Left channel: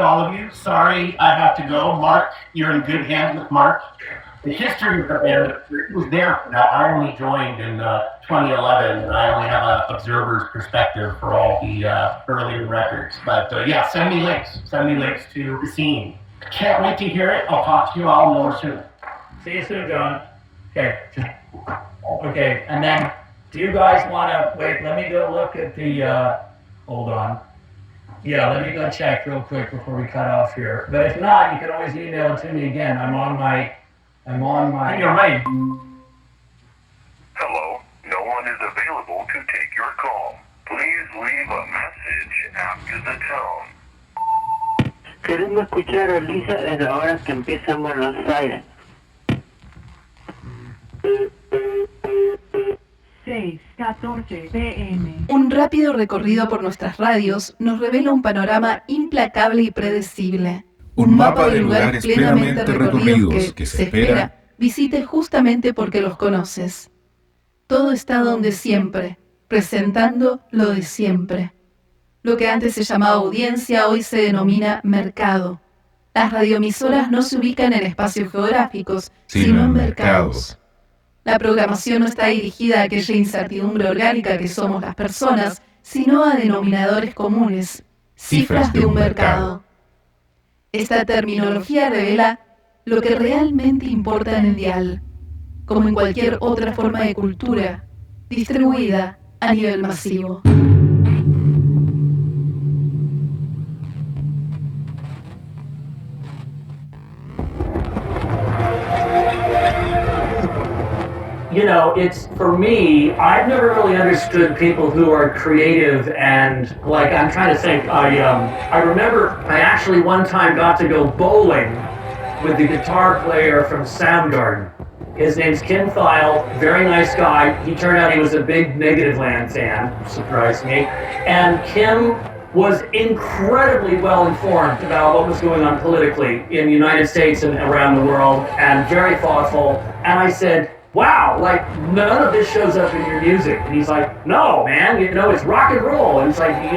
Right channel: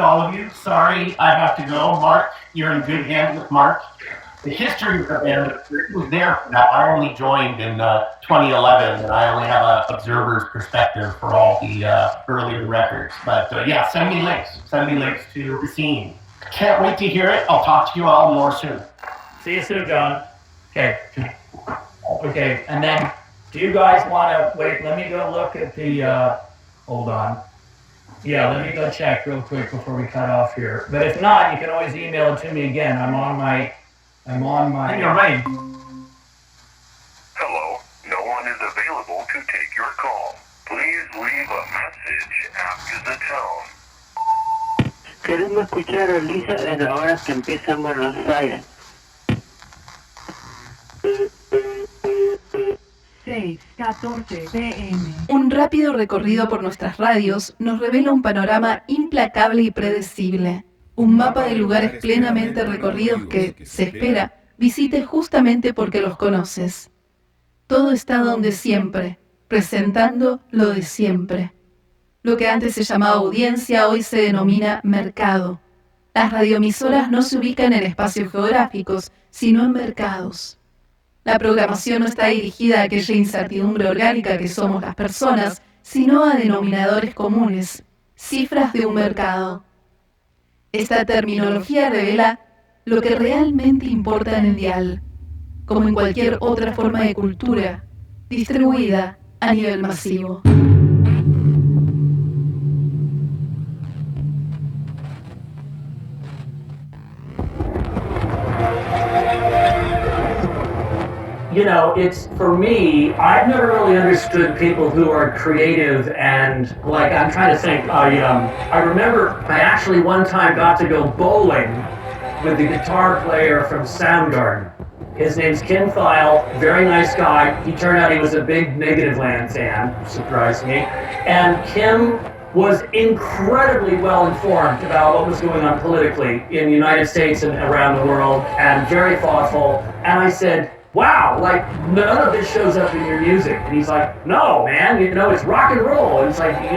all of you. Sorry I have to go. Mark, you're in good hands with Mark. The history of the band was there. Now, I only joined in 2011, and I only have an observer's perspective for all the earlier records. But yeah, send me links. Send me links to the scene. Can't wait to hear it. I'll talk to you all more soon. See you soon, John. Okay. Okay, and then do you guys want to wait? Let me go look at the. Hold on. Yeah, let me go check real quick before we cut off here. But if not, you can always email it to me again. I'm on my. You're right. Hello, no one is available to take your call. Please leave a message after the tone. Queremos escuchar a Lisa desde ahora que empieza en Buenos Aires. 6:14 p.m. Un rápido recorrido por nuestras radios nos revela un panorama implacable y predecible. Un mapa de lugares plenamente recorridos que, se espera, visites justamente porque los conoces. Todo está donde siempre, presentando lo de siempre. Lo que antes se llamaba audiencia hoy se denomina mercado. Las radioemisoras no se ubican en espacios geográficos, sino en mercados. La programación no está dirigida a aquella incertidumbre orgánica que somos las personas, sino a denominadores comunes, cifras de un mercado. Esta terminología revela lo que realmente importa en el dial, como en cualquier otra forma de cultura, distribuida a nivel masivo. You know, it's, for me, I've never really understood people who are creative and, like, I'm trying to think, I remember I actually one time got to go bowling with the guitar player from Soundgarden. His name's Kim Thayil, very nice guy. He turned out he was a big Negativland fan, surprised me. And Kim was incredibly well informed about what was going on politically in the United States and around the world, and very thoughtful. And I said, wow, like, none of this shows up in your music. And he's like, no, man, you know, it's rock and roll. And it's like,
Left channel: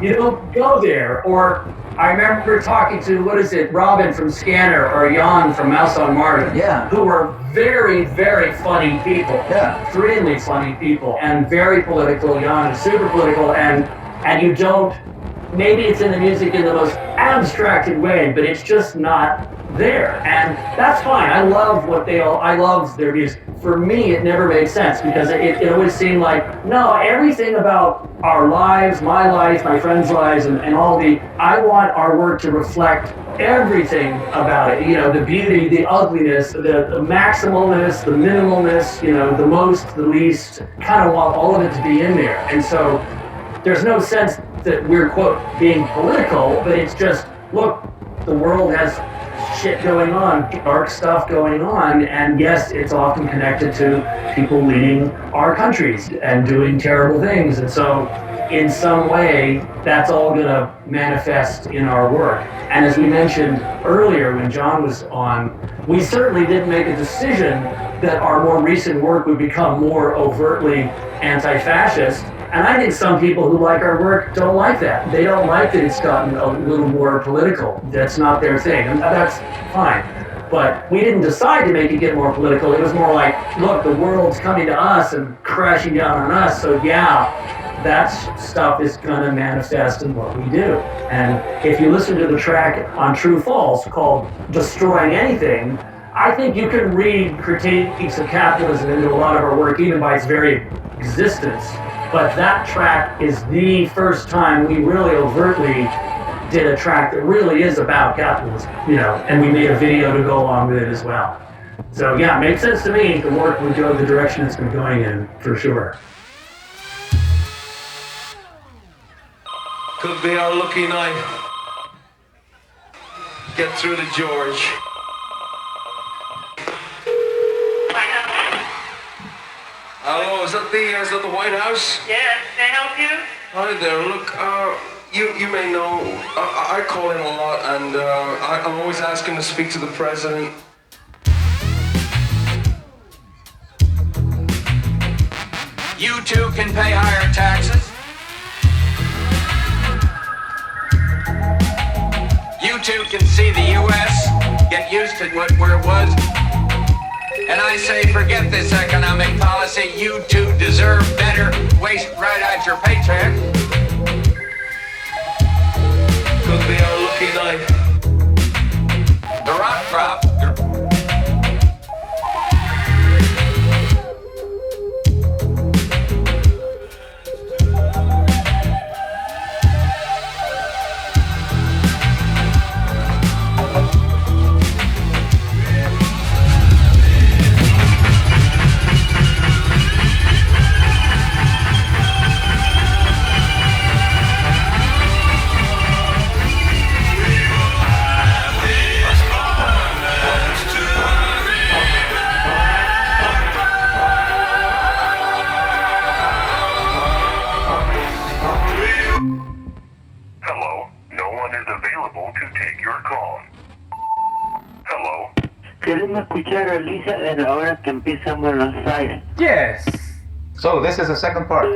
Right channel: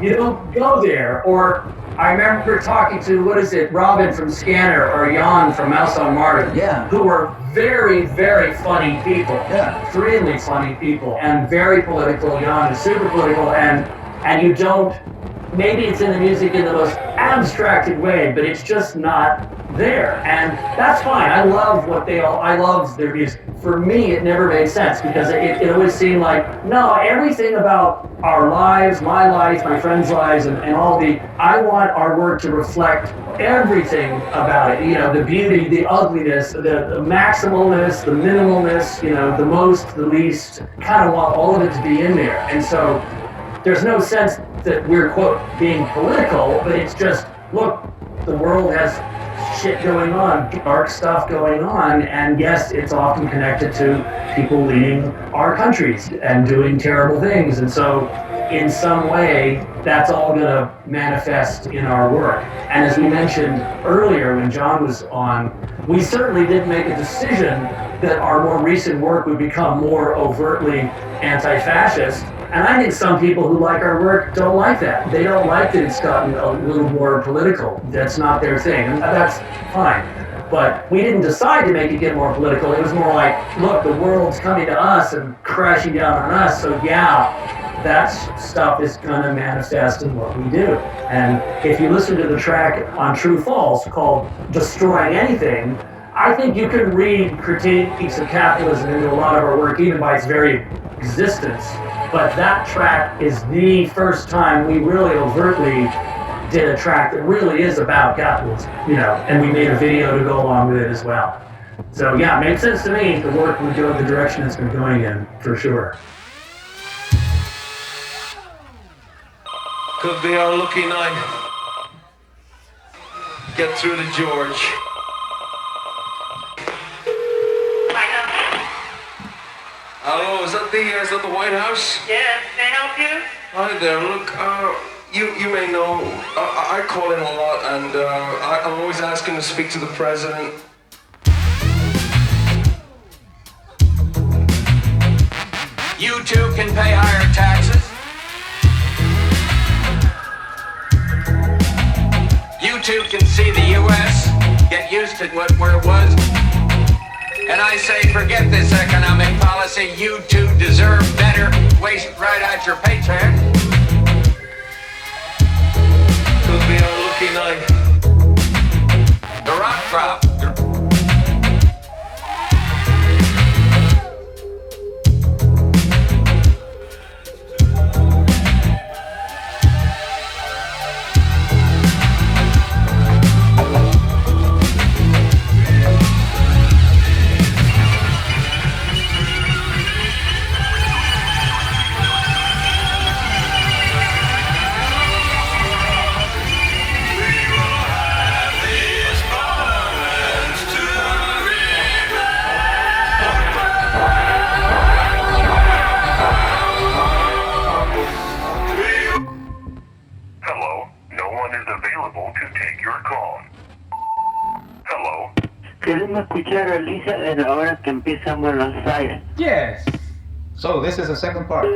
you don't go there. Or I remember talking to, Robin from Scanner or Jon from Mouse on Mars, who were very, very funny people, extremely funny people, and very political. Jon is super political, and you don't, maybe it's in the music in the most abstracted way, but it's just not there, and that's fine. I love their music. For me, it never made sense because it always seemed like, no, everything about our lives, my life, my friends' lives, and I want our work to reflect everything about it. You know, the beauty, the ugliness, the maximalness, the minimalness, you know, the most, the least, kind of want all of it to be in there. And so there's no sense that we're, quote, being political, but it's just, look, the world has shit going on, dark stuff going on, and yes, it's often connected to people leading our countries and doing terrible things, and so in some way, that's all gonna manifest in our work. And as we mentioned earlier when John was on, we certainly didn't make a decision that our more recent work would become more overtly anti-fascist. And I think some people who like our work don't like that. They don't like that it's gotten a little more political. That's not their thing, and that's fine. But we didn't decide to make it get more political. It was more like, look, the world's coming to us and crashing down on us, so yeah, that stuff is gonna manifest in what we do. And if you listen to the track on True False called Destroying Anything, I think you can read critiques of capitalism into a lot of our work, even by its very existence. But that track is the first time we really overtly did a track that really is about capitalism, you know, and we made a video to go along with it as well. So yeah, it makes sense to me. The work would go the direction it's been going in, for sure. Could be our lucky night. Get through to George. Hello, is that the White House? Yes, can I help you? Hi there, look, you may know, I call in a lot, and I'm always asking to speak to the president. You too can pay higher taxes. two can see the U.S. get used to where it was. And I say, forget this economic policy. You two deserve better. Waste right out your paycheck. Could be our lucky night. The rock crop. Queremos escuchar a Lisa desde ahora que empieza en Buenos Aires. Yes. So this is the second part.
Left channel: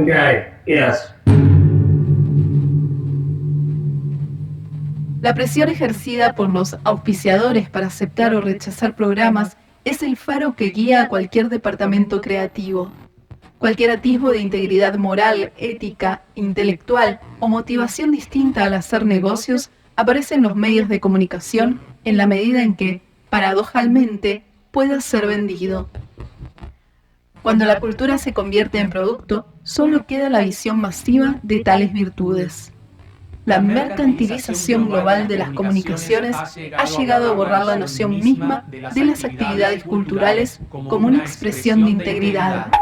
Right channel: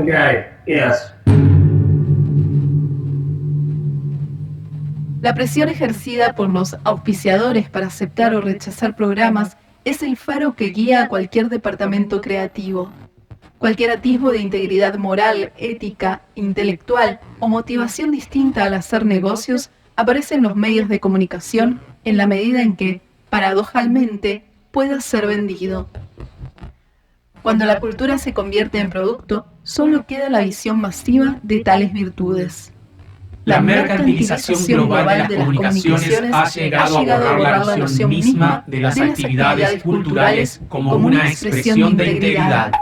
Okay, yes. La presión ejercida por los auspiciadores para aceptar o rechazar programas es el faro que guía a cualquier departamento creativo. Cualquier atisbo de integridad moral, ética, intelectual o motivación distinta al hacer negocios aparece en los medios de comunicación en la medida en que, paradojalmente, pueda ser vendido. Cuando la cultura se convierte en producto, solo queda la visión masiva de tales virtudes. La mercantilización global de las comunicaciones ha llegado a borrar la noción misma de las actividades culturales como una expresión de integridad.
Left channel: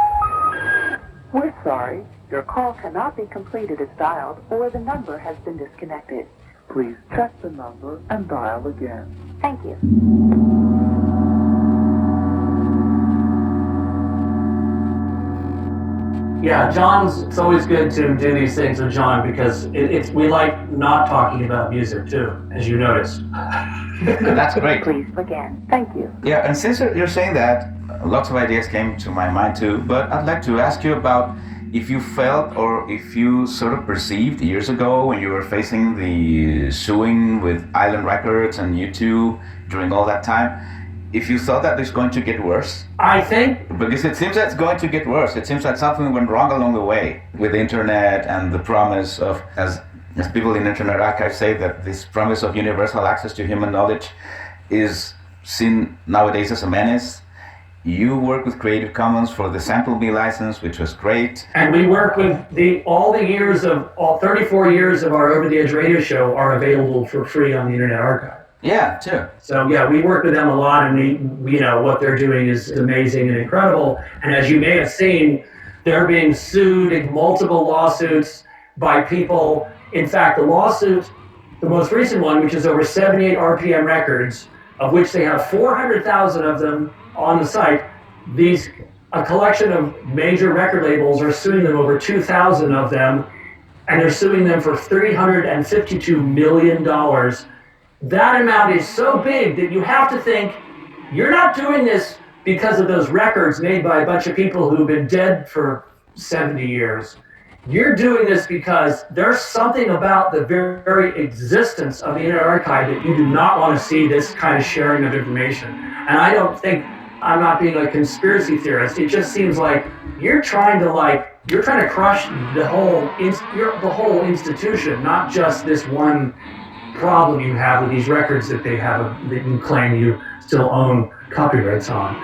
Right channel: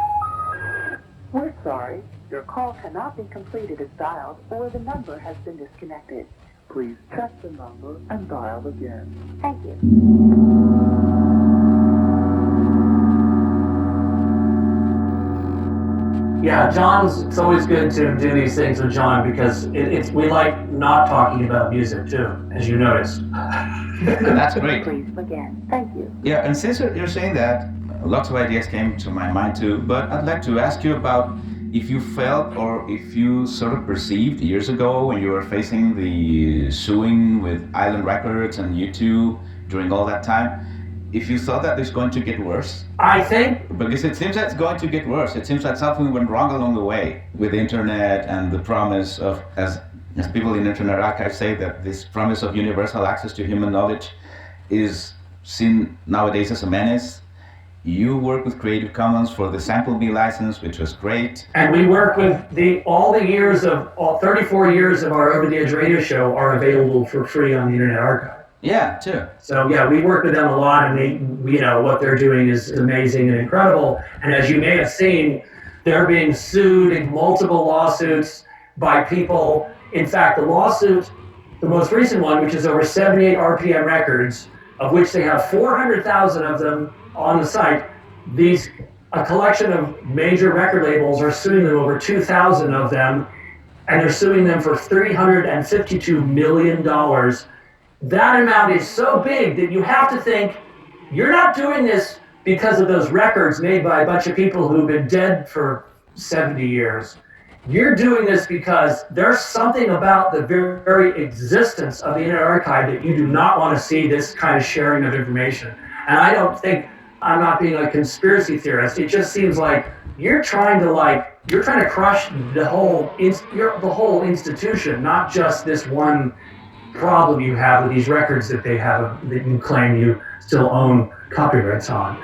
We're sorry, your call cannot be completed as dialed or the number has been disconnected. Please check the number and dial again. Thank you. Yeah, it's always good to do these things with Jon because we like not talking about music too, as you noticed. That's great. Please again. Thank you. Yeah, and since you're saying that, lots of ideas came to my mind too, but I'd like to ask you about if you felt or if you sort of perceived years ago when you were facing the suing with Island Records and YouTube during all that time, if you thought that it's going to get worse. I think... Because it seems that it's going to get worse. It seems that something went wrong along the way with the internet and the promise of, as people in Internet Archive say, that this promise of universal access to human knowledge is seen nowadays as a menace. You work with Creative Commons for the Sample B license, which was great. And we work with all 34 years of our Over the Edge radio show are available for free on the Internet Archive. Yeah, too. So yeah, we work with them a lot, and we what they're doing is amazing and incredible. And as you may have seen, they're being sued in multiple lawsuits by people. In fact, the most recent one, which is over 78 RPM records, of which they have 400,000 of them on the site, a collection of major record labels are suing them, over 2,000 of them, and they're suing them for $352 million. That amount is so big that you have to think, you're not doing this because of those records made by a bunch of people who've been dead for 70 years. You're doing this because there's something about the very existence of the Internet Archive that you do not want to see this kind of sharing of information. And I don't think, I'm not being a conspiracy theorist, it just seems like you're trying to crush the whole institution, not just this one problem you have with these records that you claim you still own copyrights on.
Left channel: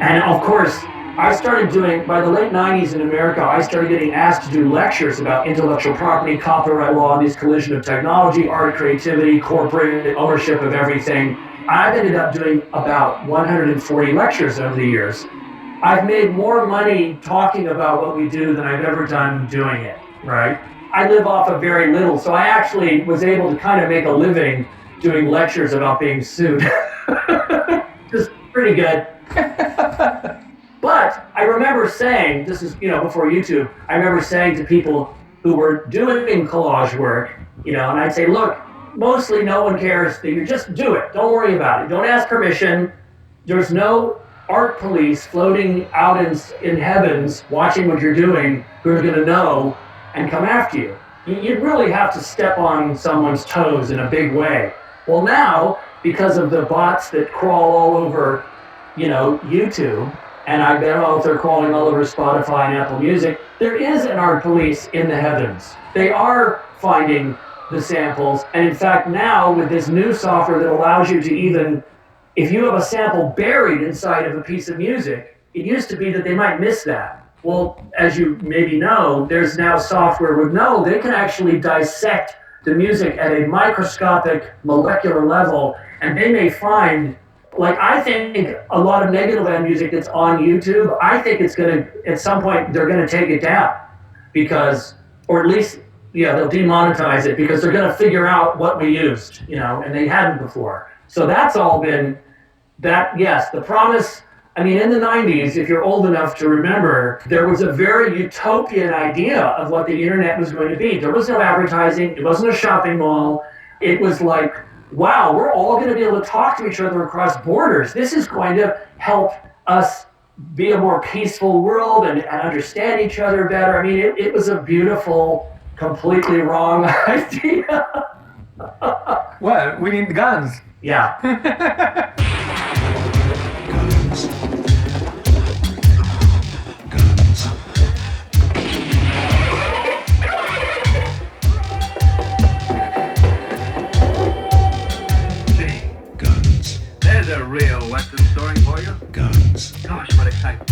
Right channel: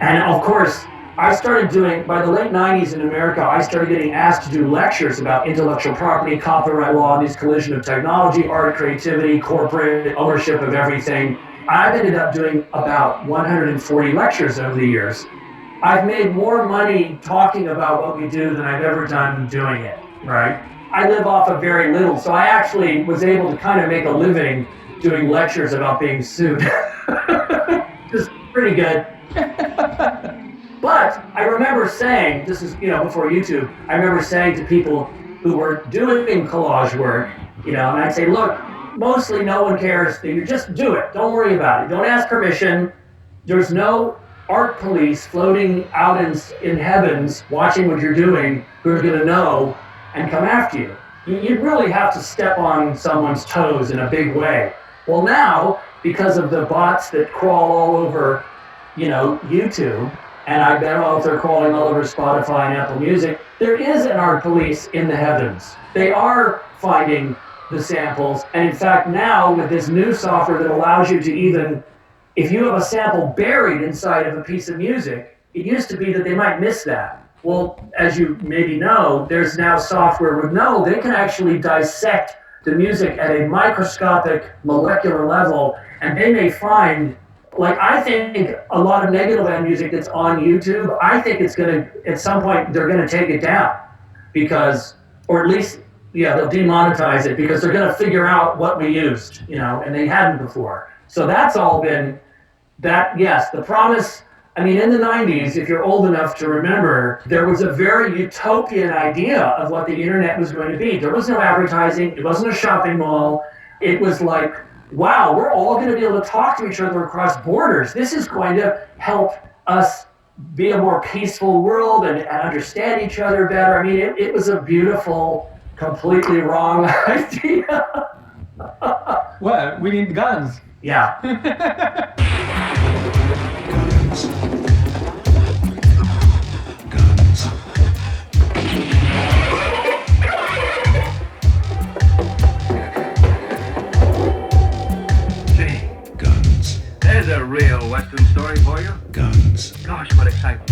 And of course, I started doing, by the late 90s in America, I started getting asked to do lectures about intellectual property, copyright law, this collision of technology, art, creativity, corporate ownership of everything. I've ended up doing about 140 lectures over the years. I've made more money talking about what we do than I've ever done doing it, right? I live off of very little, so I actually was able to kind of make a living doing lectures about being sued. Just pretty good. But I remember saying, this is, before YouTube, I remember saying to people who were doing collage work, and I'd say, look, mostly no one cares that you just do it. Don't worry about it. Don't ask permission. There's no art police floating out in heavens watching what you're doing who's going to know and come after you. you'd really have to step on someone's toes in a big way. Well, now, because of the bots that crawl all over, YouTube, and I bet if they're crawling all over Spotify and Apple Music, there is an art police in the heavens. They are finding the samples, and in fact now with this new software that allows you to even, if you have a sample buried inside of a piece of music, it used to be that they might miss that. Well, as you maybe know, there's now software with they can actually dissect the music at a microscopic molecular level, and they may find, like, I think a lot of Negativland music that's on YouTube, I think it's gonna, at some point, they're gonna take it down because, or at least, they'll demonetize it because they're gonna figure out what we used, and they hadn't before. So that's all been, yes, the promise. I mean, in the 90s, if you're old enough to remember, there was a very utopian idea of what the internet was going to be. There was no advertising. It wasn't a shopping mall. It was like, wow, we're all going to be able to talk to each other across borders. This is going to help us be a more peaceful world and understand each other better. I mean, it was a beautiful, completely wrong idea. Well, we need guns. Yeah. There's a real Western story for you. Guns. Gosh, what excitement.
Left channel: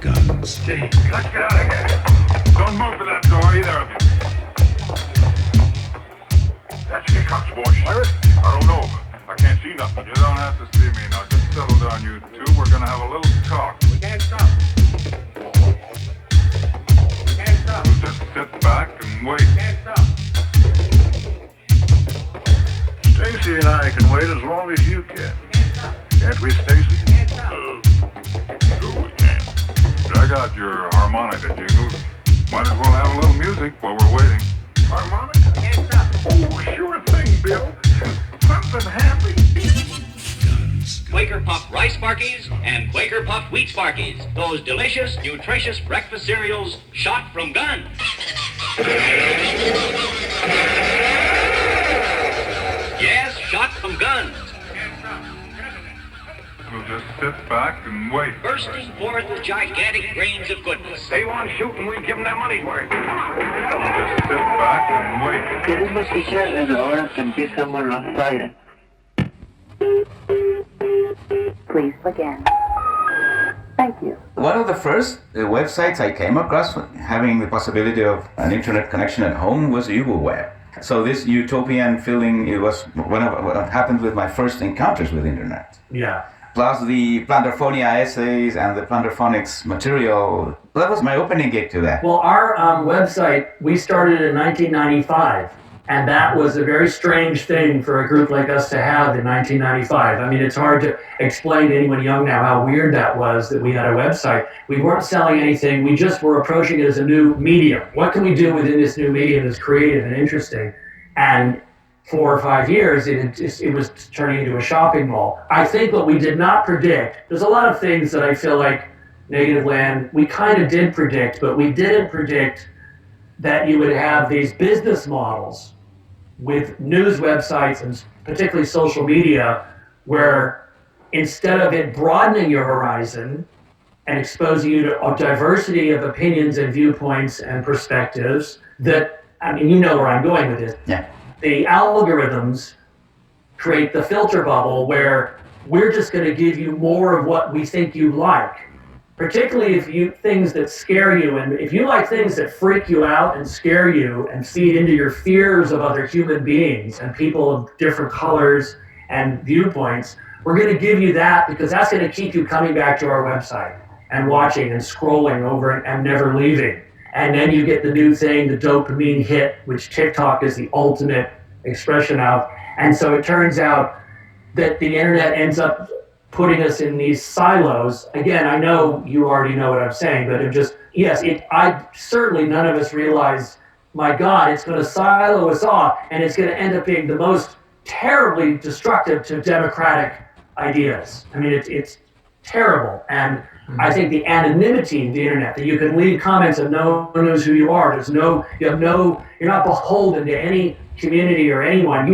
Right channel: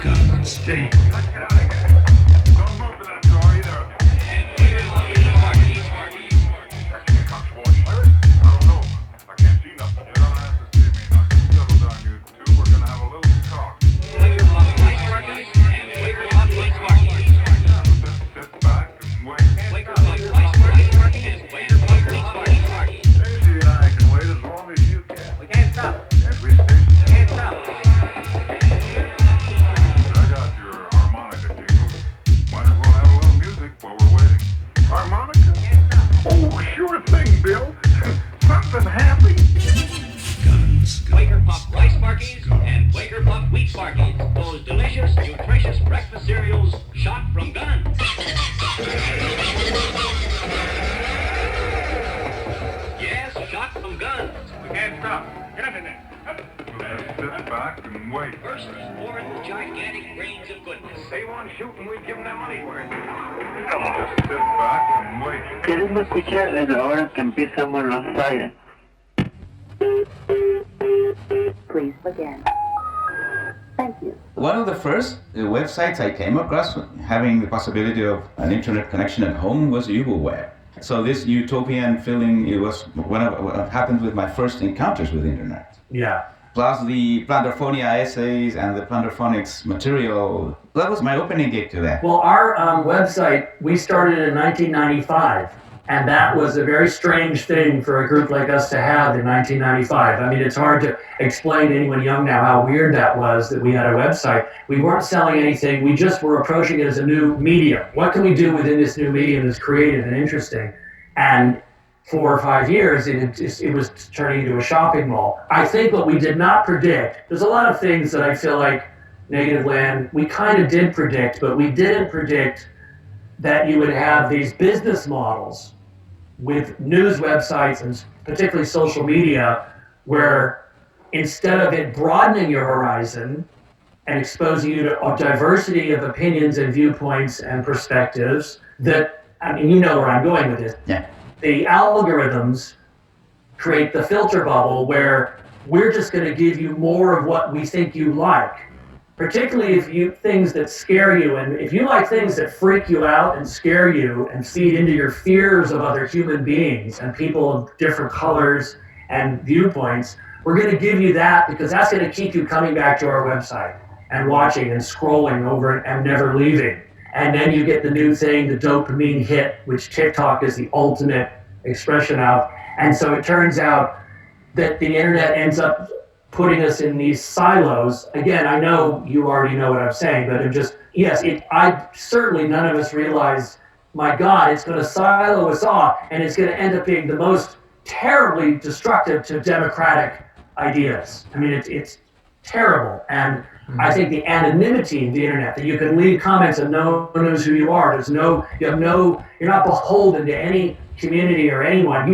Guns. Gee, let's get out of here. Don't move to that door, either of you. That's your cops, boy. Pirate? I don't know. I can't see nothing. You don't have to see me now. Just settle down, you two. We're gonna have a little talk. Just sit back and wait. Stacy and I can wait as long as you can. Can't we, Stacy? I got your harmonica, Jingles. Might as well have a little music while we're waiting. Harmonica? Oh, sure thing, Bill. Something happy. Guns. Quaker Puff Rice Sparkies and Quaker Puff Wheat Sparkies. Those delicious, nutritious breakfast cereals shot from guns. Yes, shot from guns. Can't stop. Get in there. We'll just sit back and wait. Bursting forth with gigantic grains of goodness. They want shooting, we give them their money's worth. Just sit back and wait. Queremos escuchar desde ahora que empiezan Buenos Aires. Please begin. Thank you. One of the first websites I came across having the possibility of an internet connection at home was Web. So this utopian feeling, it was what happened with my first encounters with internet. Yeah. Plus the Plantarphonia essays and the Plantarphonics material. That was my opening gig to that. Well, our website, we started in 1995, and that was a very strange thing for a group like us to have in 1995. I mean, it's hard to explain to anyone young now how weird that was, that we had a website. We weren't selling anything, we just were approaching it as a new medium. What can we do within this new medium that's creative and interesting? And 4 or 5 years, it was turning into a shopping mall. I think what we did not predict, there's a lot of things that I feel like Negativland, we kind of did predict, but we didn't predict that you would have these business models with news websites and particularly social media, where instead of it broadening your horizon and exposing you to a diversity of opinions and viewpoints and perspectives, that, I mean, you know where I'm going with this. Yeah. The algorithms create the filter bubble where we're just going to give you more of what we think you like, particularly if you things that scare you. And if you like things that freak you out and scare you and feed into your fears of other human beings and people of different colors and viewpoints, we're going to give you that because that's going to keep you coming back to our website and watching and scrolling over it and never leaving. And then you get the new thing, the dopamine hit, which TikTok is the ultimate expression of. And so it turns out that the internet ends up putting us in these silos. Again, I know you already know what I'm saying, but certainly none of us realize, my God, it's going to silo us off, and it's going to end up being the most terribly destructive to democratic ideas. I mean, terrible. And I think the anonymity of the internet, that you can leave comments and no one knows who you are. You're not beholden to any community or anyone.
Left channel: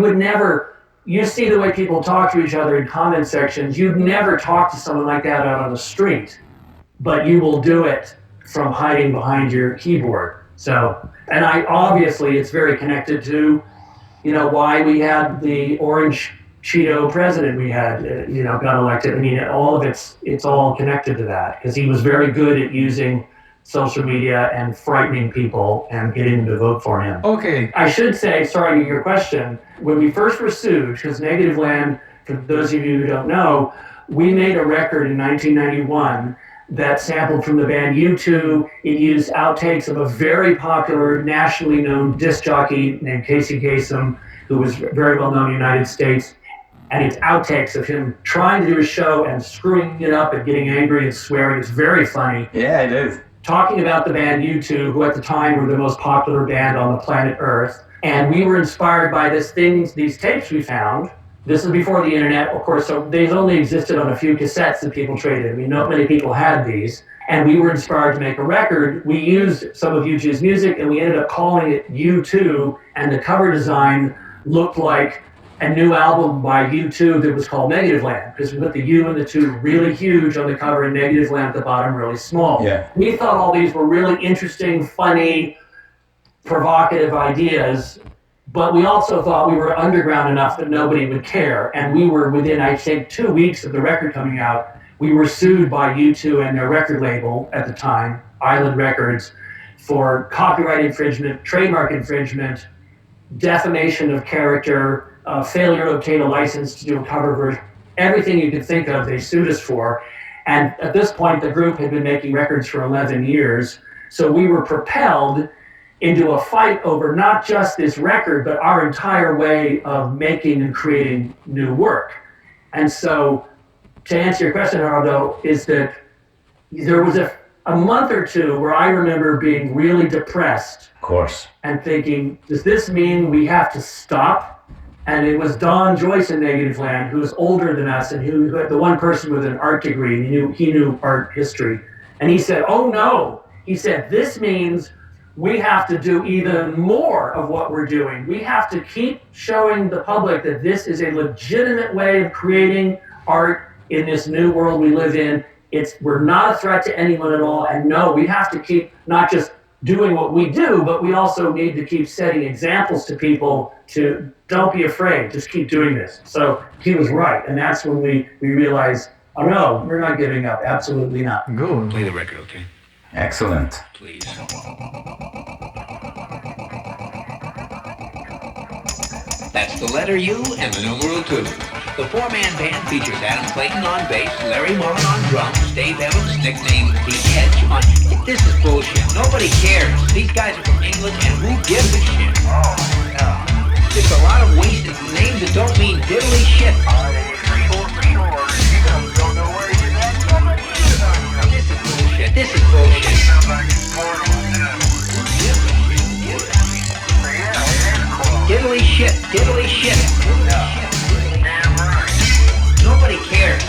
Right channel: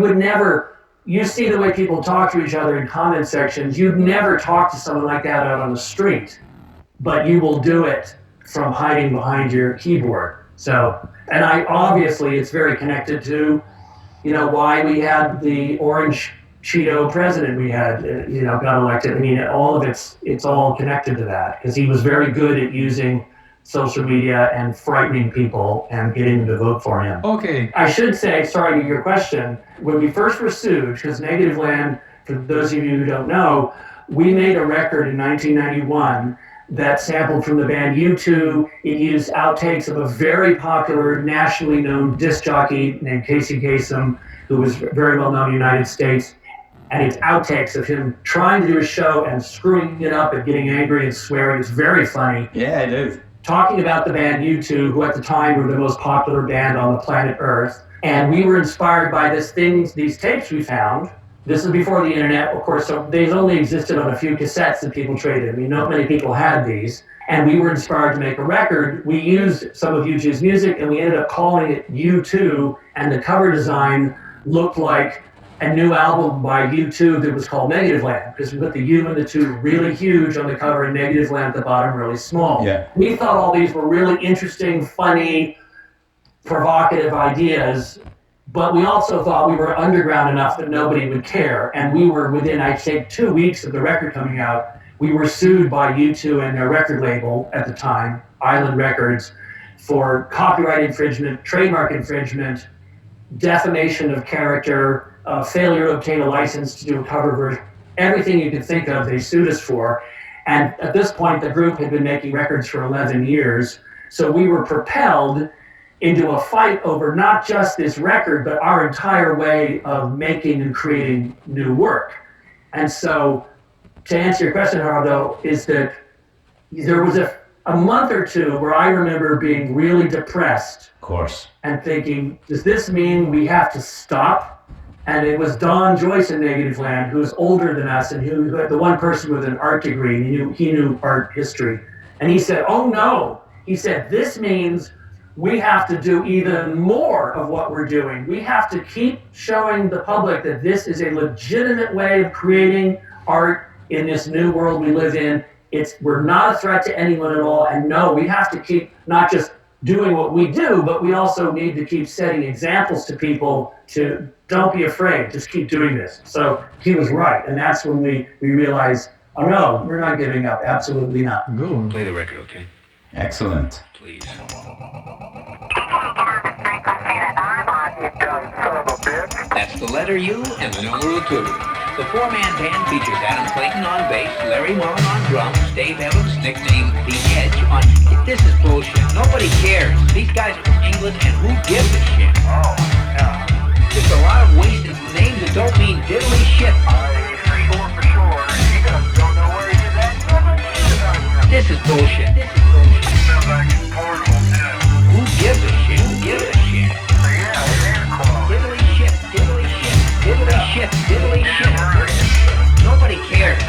You see the way people talk to each other in comment sections. You'd never talk to someone like that out on the street, but you will do it from hiding behind your keyboard. So, and obviously it's very connected to, why we had the orange Cheeto president we had, got elected. I mean, all of it's all connected to that, because he was very good at using social media and frightening people and getting them to vote for him. Okay. I should say, sorry to your question, when we first were sued, because Negativland, for those of you who don't know, we made a record in 1991 that sampled from the band U2. It used outtakes of a very popular, nationally known disc jockey named Casey Kasem, who was very well known in the United States. And it's outtakes of him trying to do a show and screwing it up and getting angry and swearing. It's very funny. Yeah, it is. Talking about the band U2, who at the time were the most popular band on the planet Earth. And we were inspired by these tapes we found. This is before the internet, of course, so these only existed on a few cassettes that people traded. I mean, not many people had these. And we were inspired to make a record. We used some of U2's music, and we ended up calling it U2, and the cover design looked like a new album by U2 that was called Negativland, because we put the U and the 2 really huge on the cover and Negativland at the bottom really small. Yeah. We thought all these were really interesting, funny, provocative ideas, but we also thought we were underground enough that nobody would care. And we were within, I'd say, 2 weeks of the record coming out, we were sued by U2 and their record label at the time, Island Records, for copyright infringement, trademark infringement, defamation of character, failure to obtain a license to do a cover version. Everything you could think of, they sued us for. And at this point, the group had been making records for 11 years. So we were propelled into a fight over not just this record, but our entire way of making and creating new work. And so, to answer your question, Gerardo, is that there was a month or two where I remember being really depressed. Of course. And thinking, does this mean we have to stop? And it was Don Joyce in Negativland, who was older than us, and who had the one person with an art degree, and he knew art history. And he said, oh no. He said, this means we have to do even more of what we're doing. We have to keep showing the public that this is a legitimate way of creating art in this new world we live in. We're not a threat to anyone at all. And no, we have to keep not just doing what we do, but we also need to keep setting examples to people to don't be afraid, just keep doing this. So he was right. And that's when we realized, oh no, we're not giving up. Absolutely not. Good. Play the record, okay? Excellent. Please. That's the letter U and the numeral 2. The four-man band features Adam Clayton on bass, Larry Moore on drums, Dave Evans, Nick Lane, Keith Edge on. This is bullshit. Nobody cares. These guys are from England, and who gives a shit? There's a lot of weed and names that don't mean diddly shit. This is bullshit. This is bullshit. Who gives a shit? Who gives a shit? Diddly shit. Diddly shit. Diddly shit. Diddly shit. Nobody cares.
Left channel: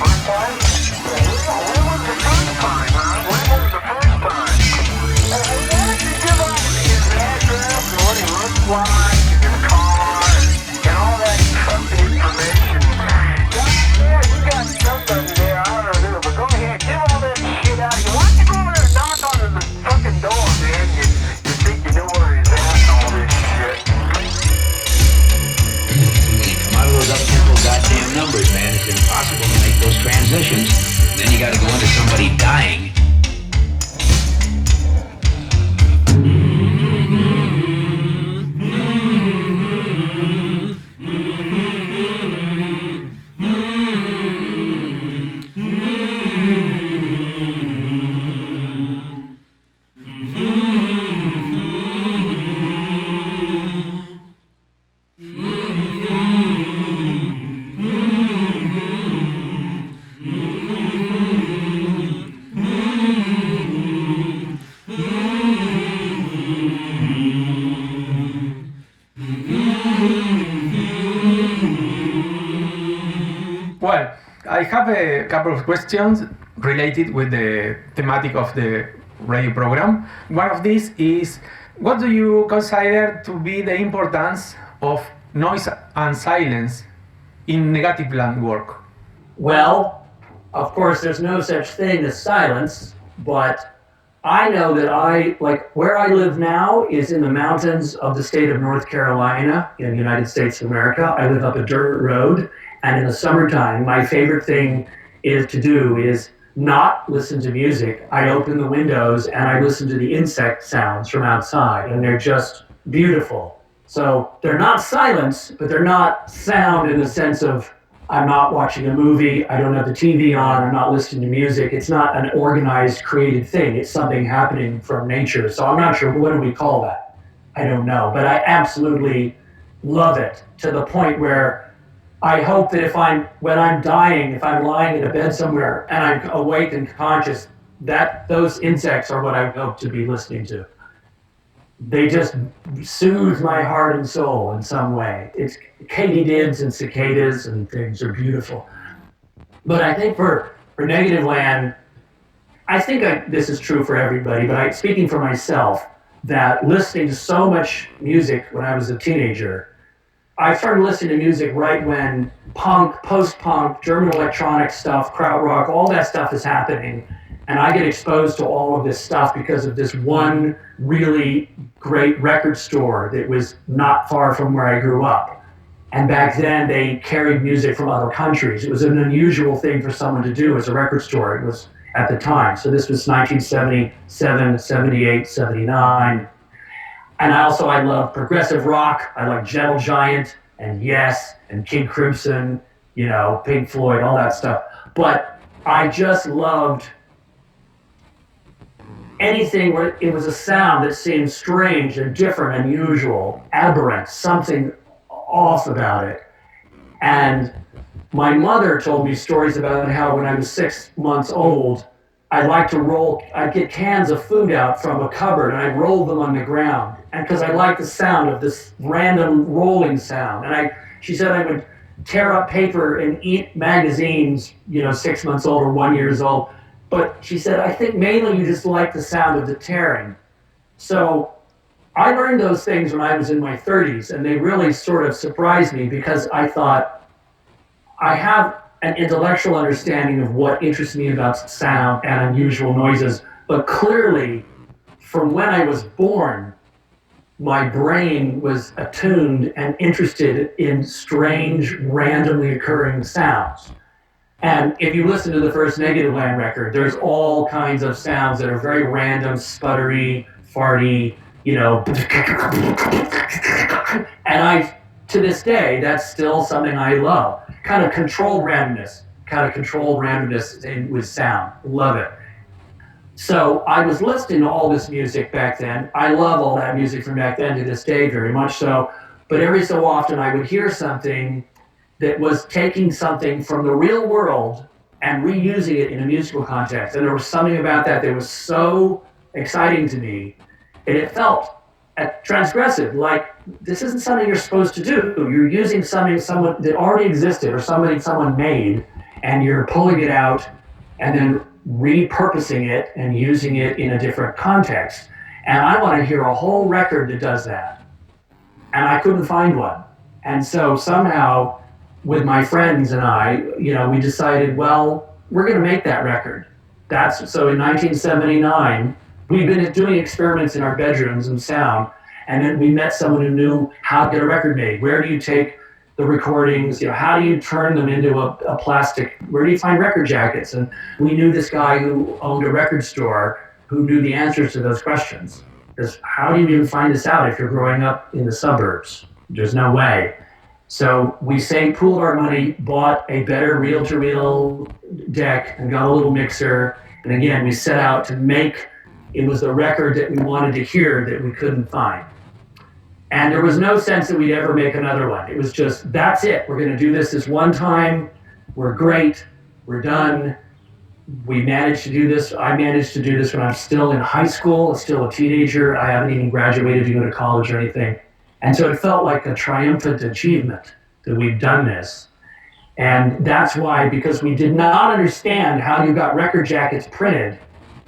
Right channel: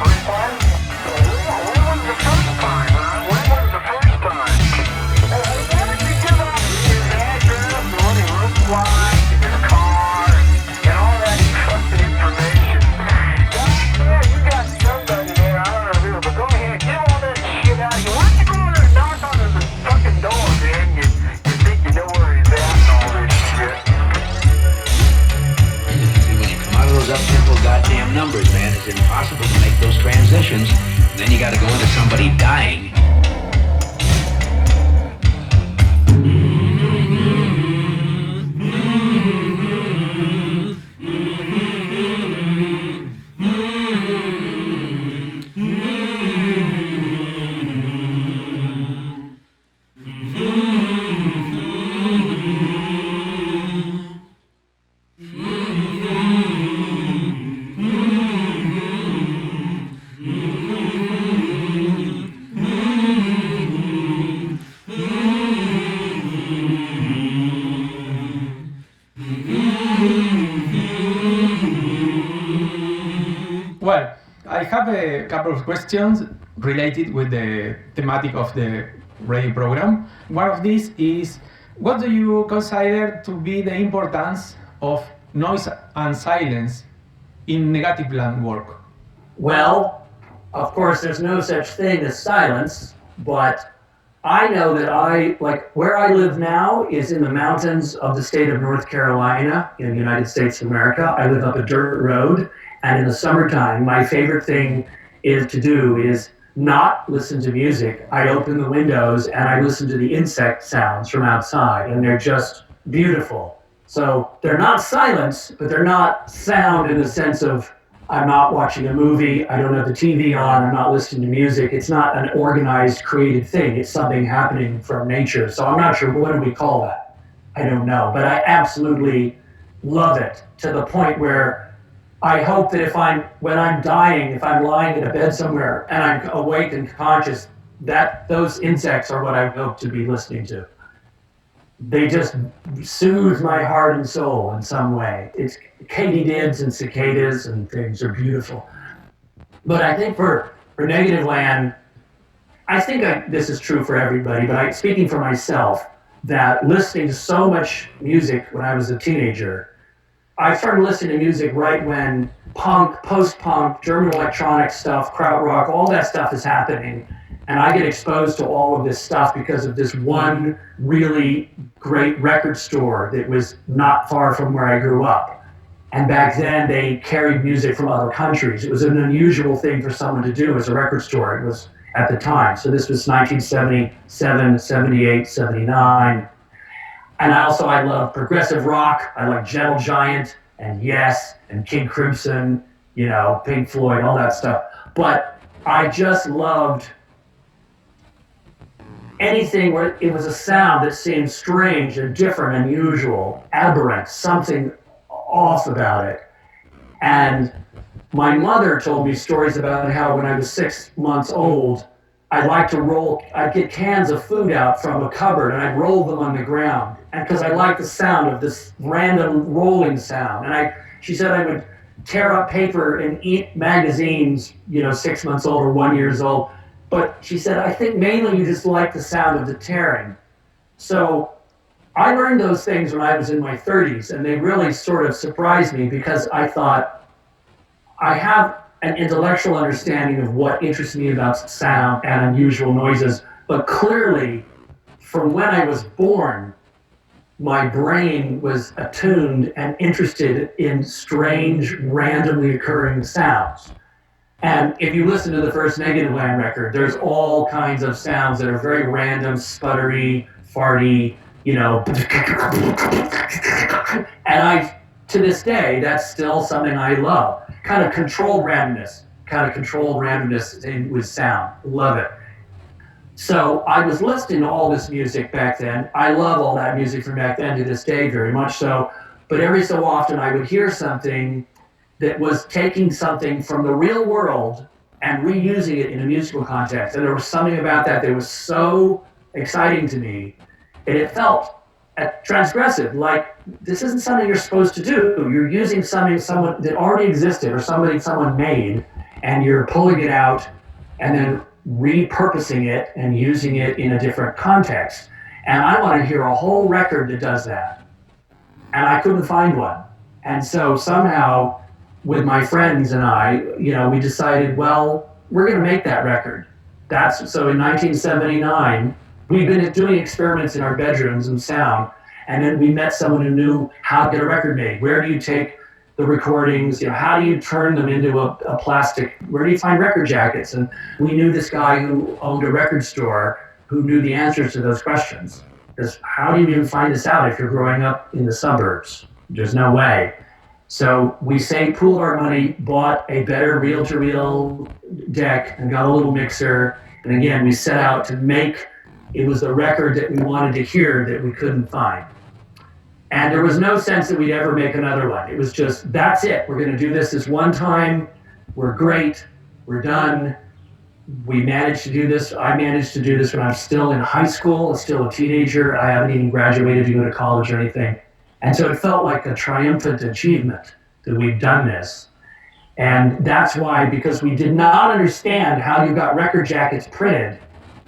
First time? time, huh? When was the first time? Why don't you give up his address and what he looks like and his car and all that fucking information? Yeah, you got somebody there, I don't know who, but go ahead, give all that shit out of you. Why don't you go over there and knock on his fucking door, man? You think you know where he's at and all this shit. Numbers, man. It's impossible to make those transitions. Then you gotta go into somebody dying. Well, I have a couple of questions related with the thematic of the radio program. One of these is, what do you consider to be the importance of noise and silence in Negativland work? Well, of course, there's no such thing as silence, but I know that where I live now is in the mountains of the state of North Carolina in the United States of America. I live up a dirt road, and in the summertime, my favorite thing to do is not listen to music. I open the windows and I listen to the insect sounds from outside, and they're just beautiful. So they're not silence, but they're not sound in the sense of I'm not watching a movie, I don't have the TV on, I'm not listening to music. It's not an organized, created thing. It's something happening from nature. So I'm not sure, what do we call that? I don't know, but I absolutely love it to the point where I hope that when I'm dying, if I'm lying in a bed somewhere and I'm awake and conscious, that those insects are what I hope to be listening to. They just soothe my heart and soul in some way. It's katydids and cicadas and things are beautiful. But I think for Negativland, I think this is true for everybody, but speaking for myself, that listening to so much music when I was a teenager, I started listening to music right when punk, post-punk, German electronic stuff, krautrock, all that stuff is happening. And I get exposed to all of this stuff because of this one really great record store that was not far from where I grew up. And back then they carried music from other countries. It was an unusual thing for someone to do as a record store. It was at the time. So this was 1977, 78, 79. And I love progressive rock. I like Gentle Giant and Yes and King Crimson, Pink Floyd, all that stuff. But I just loved anything where it was a sound that seemed strange and different, unusual, aberrant, something off about it. And my mother told me stories about how when I was 6 months old, I'd get cans of food out from a cupboard and I'd roll them on the ground. And because I liked the sound of this random rolling sound. And she said I would tear up paper and eat magazines, 6 months old or 1 year old. But she said, I think mainly you just like the sound of the tearing. So I learned those things when I was in my 30s, and they really sort of surprised me because I thought I have an intellectual understanding of what interests me about sound and unusual noises, but clearly from when I was born, my brain was attuned and interested in strange, randomly occurring sounds. And if you listen to the first Negativland record, there's all kinds of sounds that are very random, sputtery, farty, And to this day, that's still something I love. Kind of controlled randomness with sound. Love it. So I was listening to all this music back then. I love all that music from back then to this day, very much so. But every so often I would hear something that was taking something from the real world and reusing it in a musical context. And there was something about that was so exciting to me. And it felt transgressive, like this isn't something you're supposed to do. You're using someone that already existed or someone made, and you're pulling it out and then repurposing it and using it in a different context. And I want to hear a whole record that does that. And I couldn't find one. And so somehow, with my friends and I, we decided, well, we're going to make that record. So in 1979, we'd been doing experiments in our bedrooms and sound, and then we met someone who knew how to get a record made. Where do you take the recordings? How do you turn them into a plastic? Where do you find record jackets? And we knew this guy who owned a record store who knew the answers to those questions. Because how do you even find this out if you're growing up in the suburbs? There's no way. So we pooled our money, bought a better reel-to-reel deck, and got a little mixer. And again, we set out to make, it was the record that we wanted to hear that we couldn't find. And there was no sense that we'd ever make another one. It was just, that's it. We're going to do this one time. We're great. We're done. We managed to do this. I managed to do this when I'm still in high school, still a teenager. I haven't even graduated to go to college or anything. And so it felt like a triumphant achievement that we've done this. And that's why, because we did not understand how you got record jackets printed,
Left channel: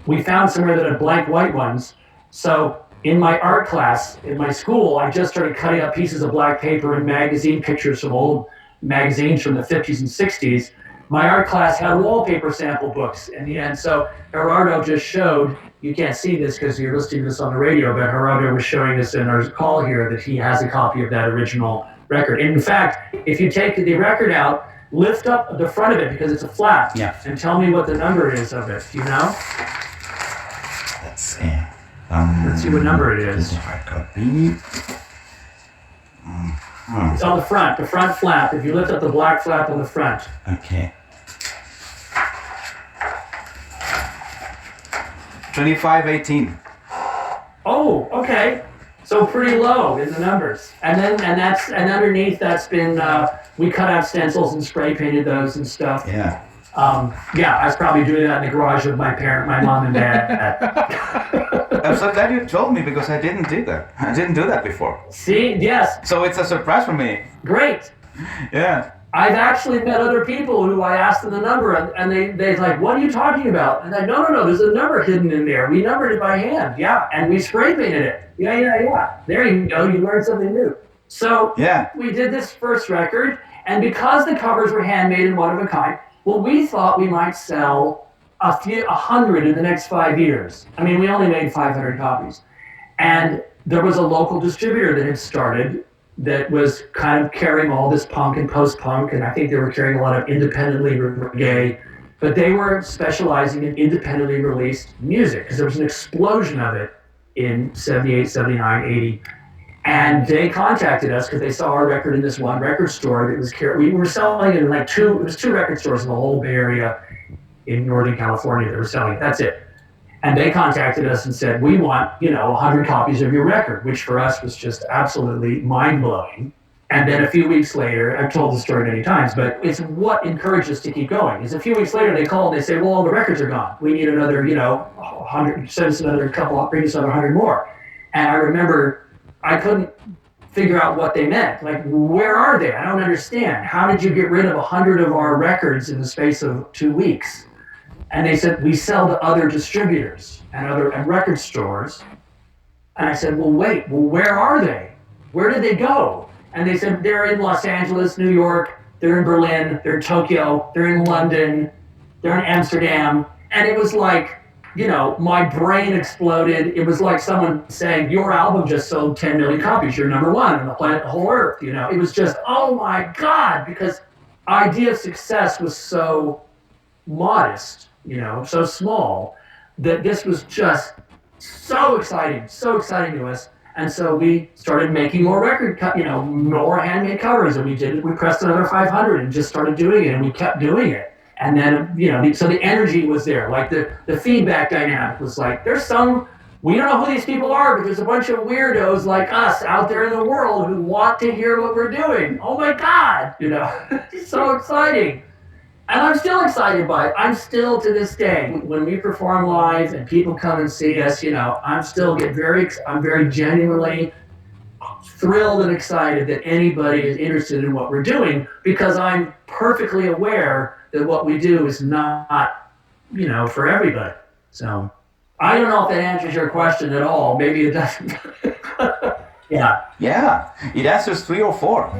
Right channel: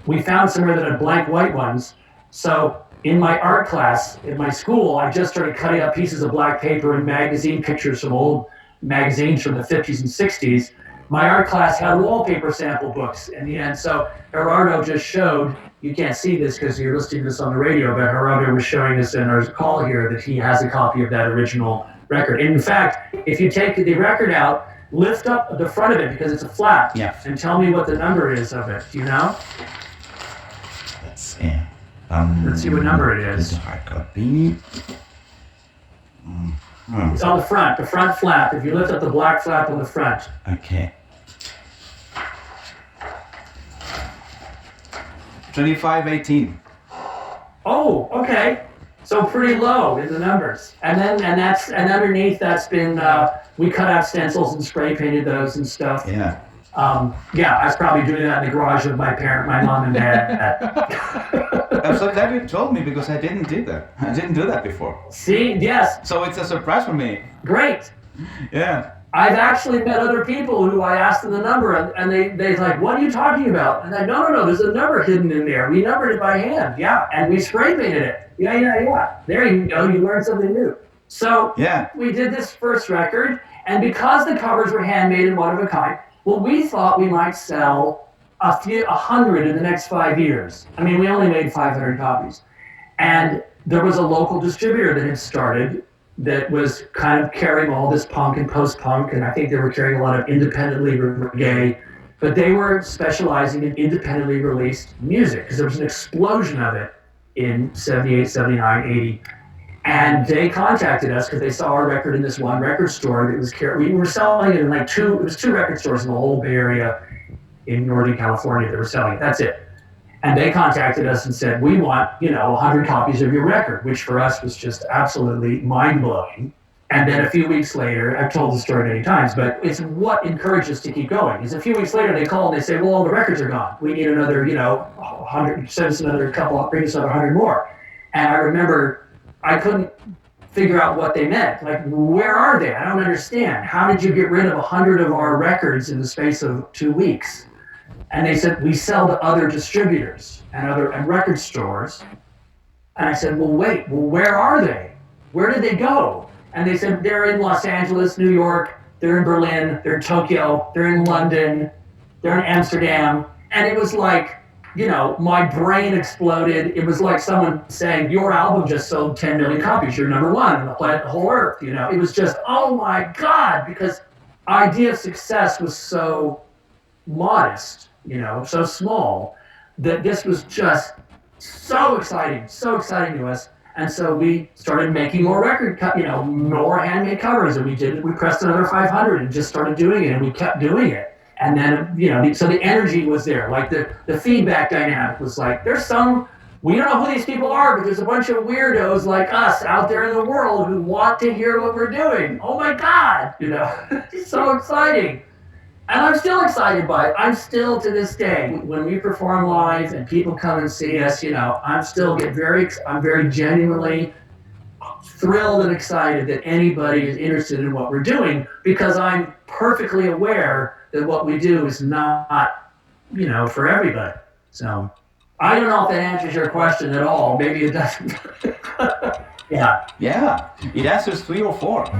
we found somewhere that had blank white ones. So in my art class, in my school, I just started cutting up pieces of black paper and magazine pictures from old magazines from the 50s and 60s. My art class had wallpaper sample books in the end. So Gerardo just showed, you can't see this because you're listening to this on the radio, but Gerardo was showing us in our call here that he has a copy of that original record. And in fact, if you take the record out, lift up the front of it because it's a flap, and tell me what the number is of it. Do you know? Let's see. Let's see what number it is. Hard copy. It's on the front flap. If you lift up the black flap on the front. Okay. 2518. Oh, okay. So pretty low in the numbers. And underneath that's been, we cut out stencils and spray painted those and stuff. Yeah. I was probably doing that in the garage of my mom and dad. I'm so glad you told me because I didn't do that. I didn't do that before. See, yes. So it's a surprise for me. Great. Yeah. I've actually met other people who I asked them the number and they're like, what are you talking about? And I no, there's a number hidden in there. We numbered it by hand. Yeah. And we spray painted it. Yeah. There you go. You learned something new. So we did this first record, and because the covers were handmade and one of a kind, well, we thought we might sell 100 in the next 5 years. I mean, we only made 500 copies. And there was a local distributor that had started that was kind of carrying all this punk and post-punk, and I think they were carrying a lot of independently reggae, but they were specializing in independently released music because there was an explosion of it in 78, 79, 80. And they contacted us because they saw our record in this one record store that was we were selling it in it was two record stores in the whole Bay Area in Northern California that were selling it. That's it. And they contacted us and said, we want, 100 copies of your record, which for us was just absolutely mind-blowing. And then a few weeks later, I've told the story many times, but it's what encouraged us to keep going. Is a few weeks later, they call and they say, well, all the records are gone. We need another, 100, send us another couple, bring us another 100 more. And I remember I couldn't figure out what they meant. Like, where are they? I don't understand. How did you get rid of 100 of our records in the space of 2 weeks? And they said, we sell to other distributors and record stores. And I said, well, where are they? Where did they go? And they said, they're in Los Angeles, New York, they're in Berlin, they're in Tokyo, they're in London, they're in Amsterdam. And it was like, my brain exploded. It was like someone saying, your album just sold 10 million copies. You're number one on the planet, the whole earth. It was just, oh my God, because idea of success was so modest, so small, that this was just so exciting to us. And so we started making more more handmade covers, and we pressed another 500 and just started doing it, and we kept doing it. And then, so the energy was there. Like the feedback dynamic was like, we don't know who these people are, but there's a bunch of weirdos like us out there in the world who want to hear what we're doing. Oh my God, it's so exciting. And I'm still excited by it. I'm still, to this day, when we perform live and people come and see us, I'm very genuinely thrilled and excited that anybody is interested in what we're doing, because I'm perfectly aware that what we do is not for everybody. So I don't know if that answers your question at all. Maybe it doesn't. Yeah. Yeah, it answers 3 or 4.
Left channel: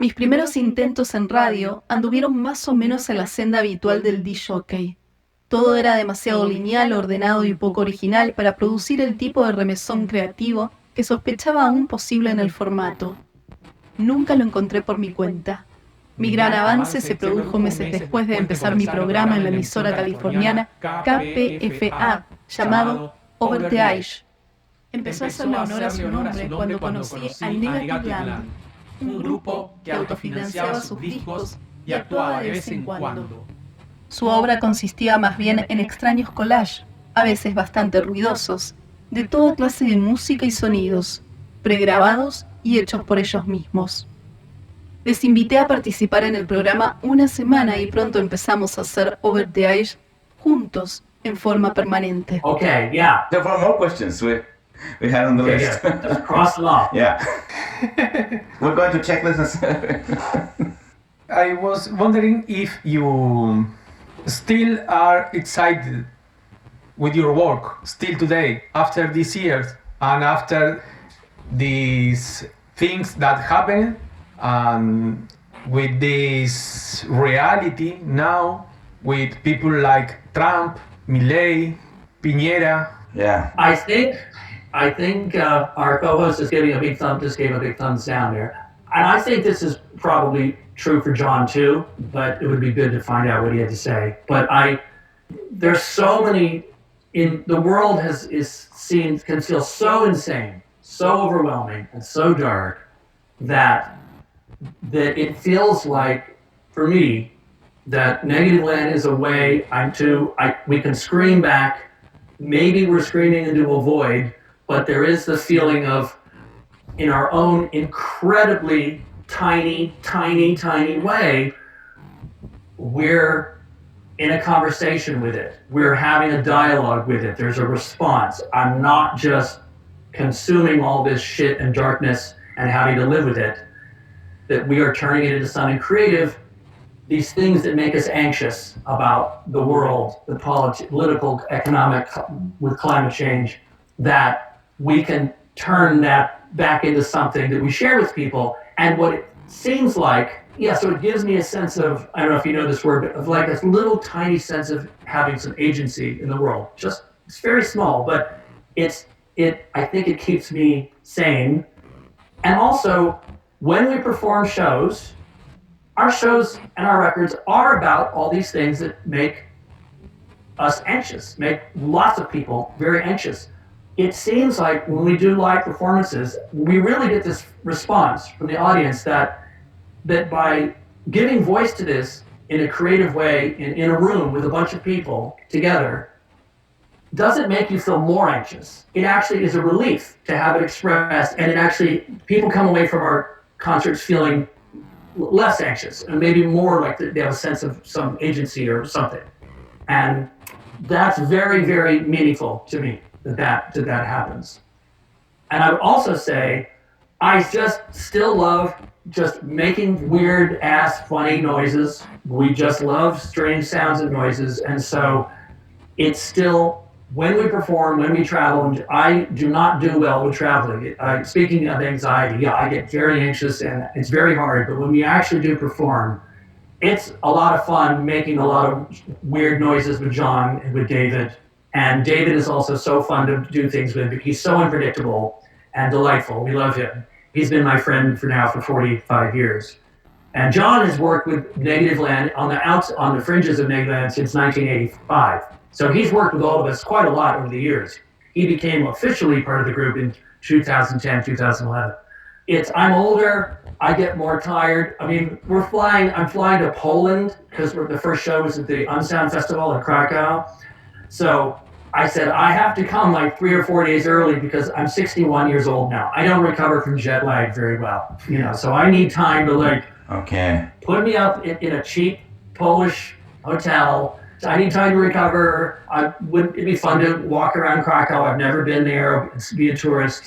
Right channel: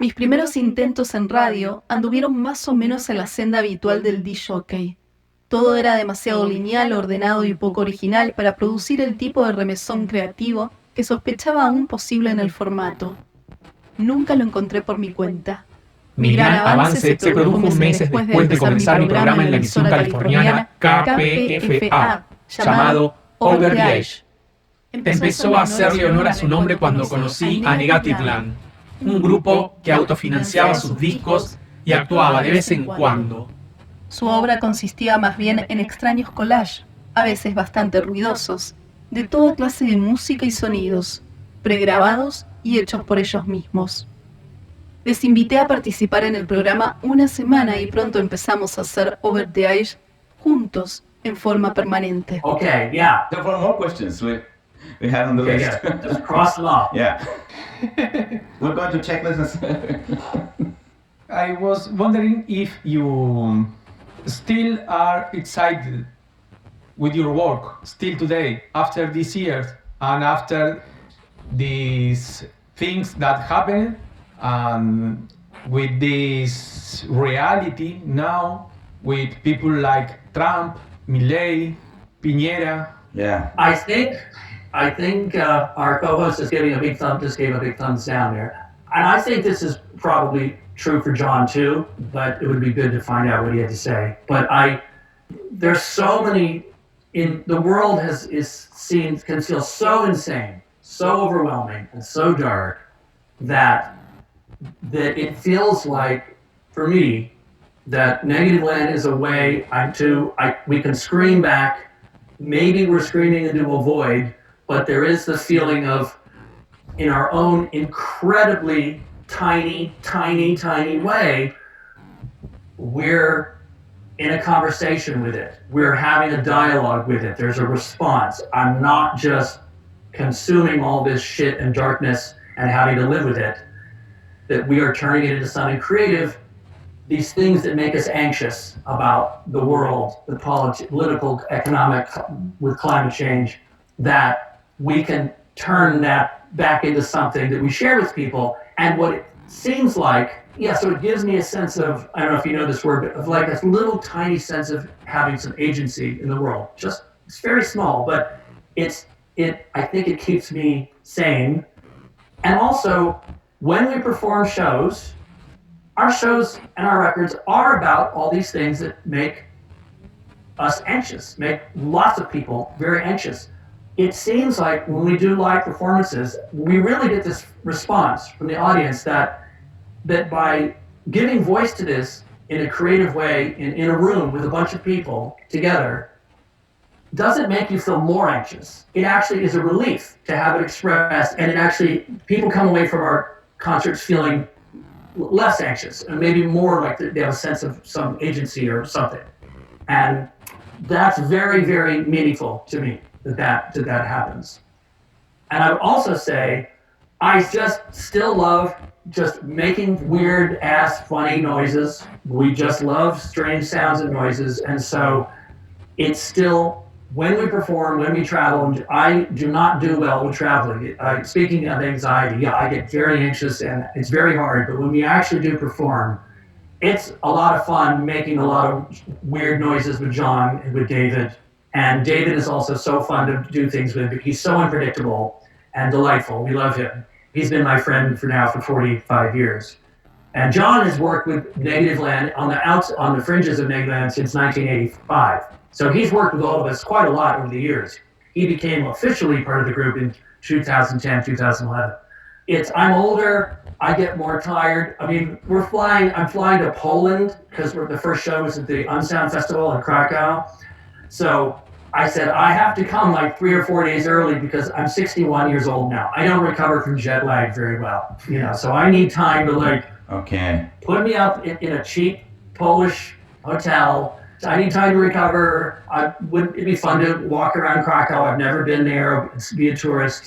Mis primeros intentos en radio anduvieron más o menos en la senda habitual del disc-jockey. Todo era demasiado lineal, ordenado y poco original para producir el tipo de remesón creativo que sospechaba aún posible en el formato. Nunca lo encontré por mi cuenta. Mi gran avance se produjo meses después de empezar mi programa en la emisora californiana KPFA, llamado Over the Edge. Empezó a hacerle honor a su nombre cuando conocí a Negativland, un grupo que autofinanciaba sus discos y actuaba de vez en cuando. Su obra consistía más bien en extraños collages, a veces bastante ruidosos, de toda clase de música y sonidos, pregrabados y hechos por ellos mismos. Les invité a participar en el programa una semana y pronto empezamos a hacer Over the Edge juntos, en forma permanente. Okay, yeah. There were more questions we had on the list. Yeah. Just cross them off. Yeah. We're going to check this. I was wondering if you still are excited with your work, still today, after these years, and after these things that happen, with this reality now, with people like Trump, Milei, Piñera. Yeah. I think our co-host is giving a big just gave a big thumbs down there. And I think this is probably true for Jon too, but it would be good to find out what he had to say. But there's so many, the world can feel so insane, so overwhelming, and so dark that it feels like, for me, that Negativland is a way we can scream back. Maybe we're screaming into a void, but there is the feeling of, in our own incredibly tiny way, we're in a conversation with it. We're having a dialogue with it. There's a response. I'm not just consuming all this shit and darkness and having to live with it, that we are turning it into something creative. These things that make us anxious about the world, the political, economic, with climate change, that we can turn that back into something that we share with people. And what it seems like, so it gives me a sense of, I don't know if you know this word, but of like a little tiny sense of having some agency in the world. Just, it's very small, but I think it keeps me sane. And also, when we perform shows, our shows and our records are about all these things that make us anxious, make lots of people very anxious. It seems like when we do live performances, we really get this response from the audience that by giving voice to this in a creative way, in a room with a bunch of people together, doesn't make you feel more anxious. It actually is a relief to have it expressed, and people come away from our concerts feeling less anxious and maybe more like they have a sense of some agency or something. And that's very, very meaningful to me that happens. And I would also say, I just still love just making weird ass funny noises. We just love strange sounds and noises. And so it's still when we perform, when we travel, I do not do well with traveling. Speaking of anxiety, I get very anxious and it's very hard, but when we actually do perform, it's a lot of fun making a lot of weird noises with Jon and with David. And David is also so fun to do things with. He's so unpredictable and delightful. We love him. He's been my friend for 45 years. And Jon has worked with Negativland on the fringes of Negativland since 1985. So he's worked with all of us quite a lot over the years. He became officially part of the group in 2010, 2011. I'm older, I get more tired. I mean, I'm flying to Poland because the first show was at the Unsound Festival in Krakow. So I said, I have to come like 3 or 4 days early because I'm 61 years old now. I don't recover from jet lag very well, so I need time to put me up in a cheap Polish hotel. I need time to recover. It'd be fun to walk around Krakow. I've never been there, be a tourist,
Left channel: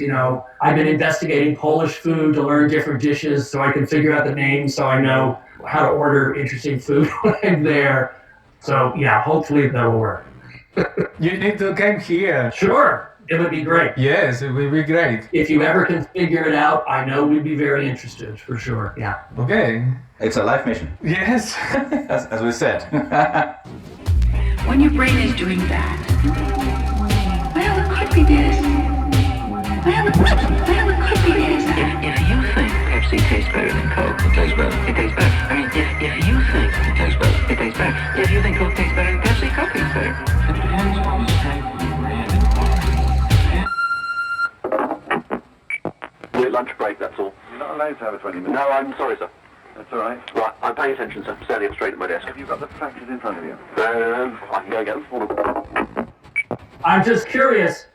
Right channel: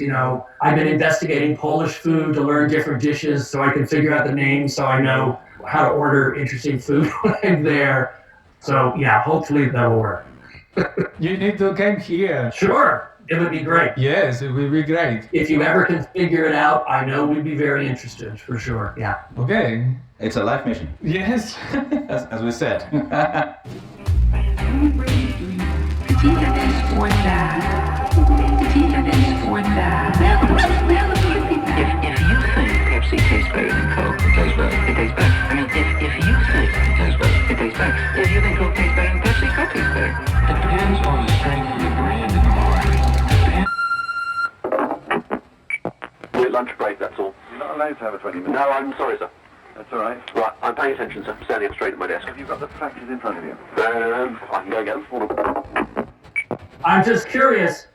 I've been investigating Polish food to learn different dishes so I can figure out the names so I know how to order interesting food when I'm there. So yeah, hopefully that'll work. You need to come here. Sure, it would be great. Yes, it would be great. If you ever can figure it out, I know we'd be very interested, for sure, yeah. Okay. It's a life mission. Yes. as we said. When your brain is doing that, see that it's for that. See that it's for that. If you think Pepsi tastes better than Coke, it tastes better. It tastes better. I mean, if you think it tastes better, it tastes better. If you think Coke tastes better than Pepsi, Coke tastes better. It depends on the strength of the brand and quality. We're at lunch break, that's all. You're not allowed to have a 20 minutes. No, I'm sorry, sir. That's all right. Right, I'm paying attention, sir. Standing up straight at my desk. Have you got the practice in front of you? I can go get them. I'm just curious,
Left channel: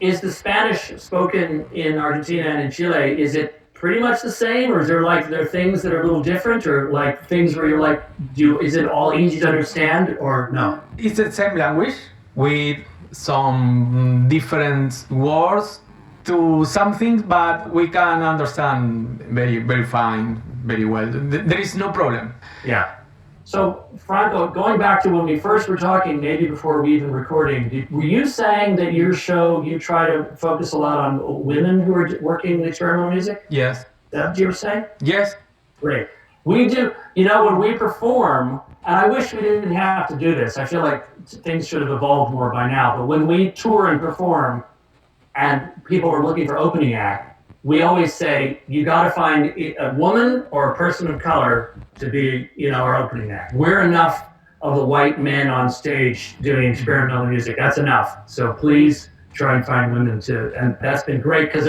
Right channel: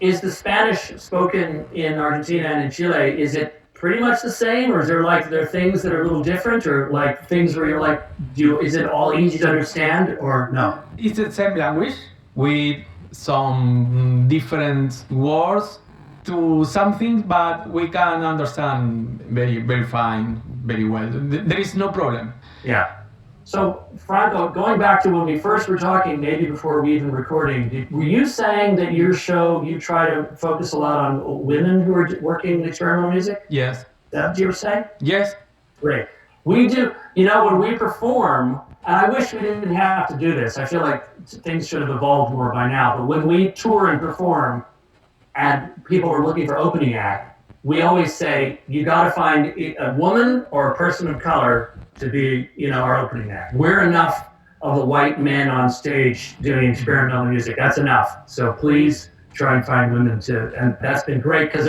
is the Spanish spoken in Argentina and in Chile, is it pretty much the same, or is there things that are a little different, or like things where you're like, is it all easy to understand, or no? It's the same language with some different words to some things, but we can understand very, very fine, very well. There is no problem. Yeah. So, Franco, going back to when we first were talking, maybe before we even recording, were you saying that your show, you try to focus a lot on women who are working in experimental music? Yes. Is that what you were saying? Yes. Great. We do, when we perform, and I wish we didn't have to do this. I feel like things should have evolved more by now, but when we tour and perform, and people are looking for opening act, we always say, you got to find a woman or a person of color to be, our opening act. We're enough of the white men on stage doing experimental music. That's enough. So please try and find women too. And that's been great because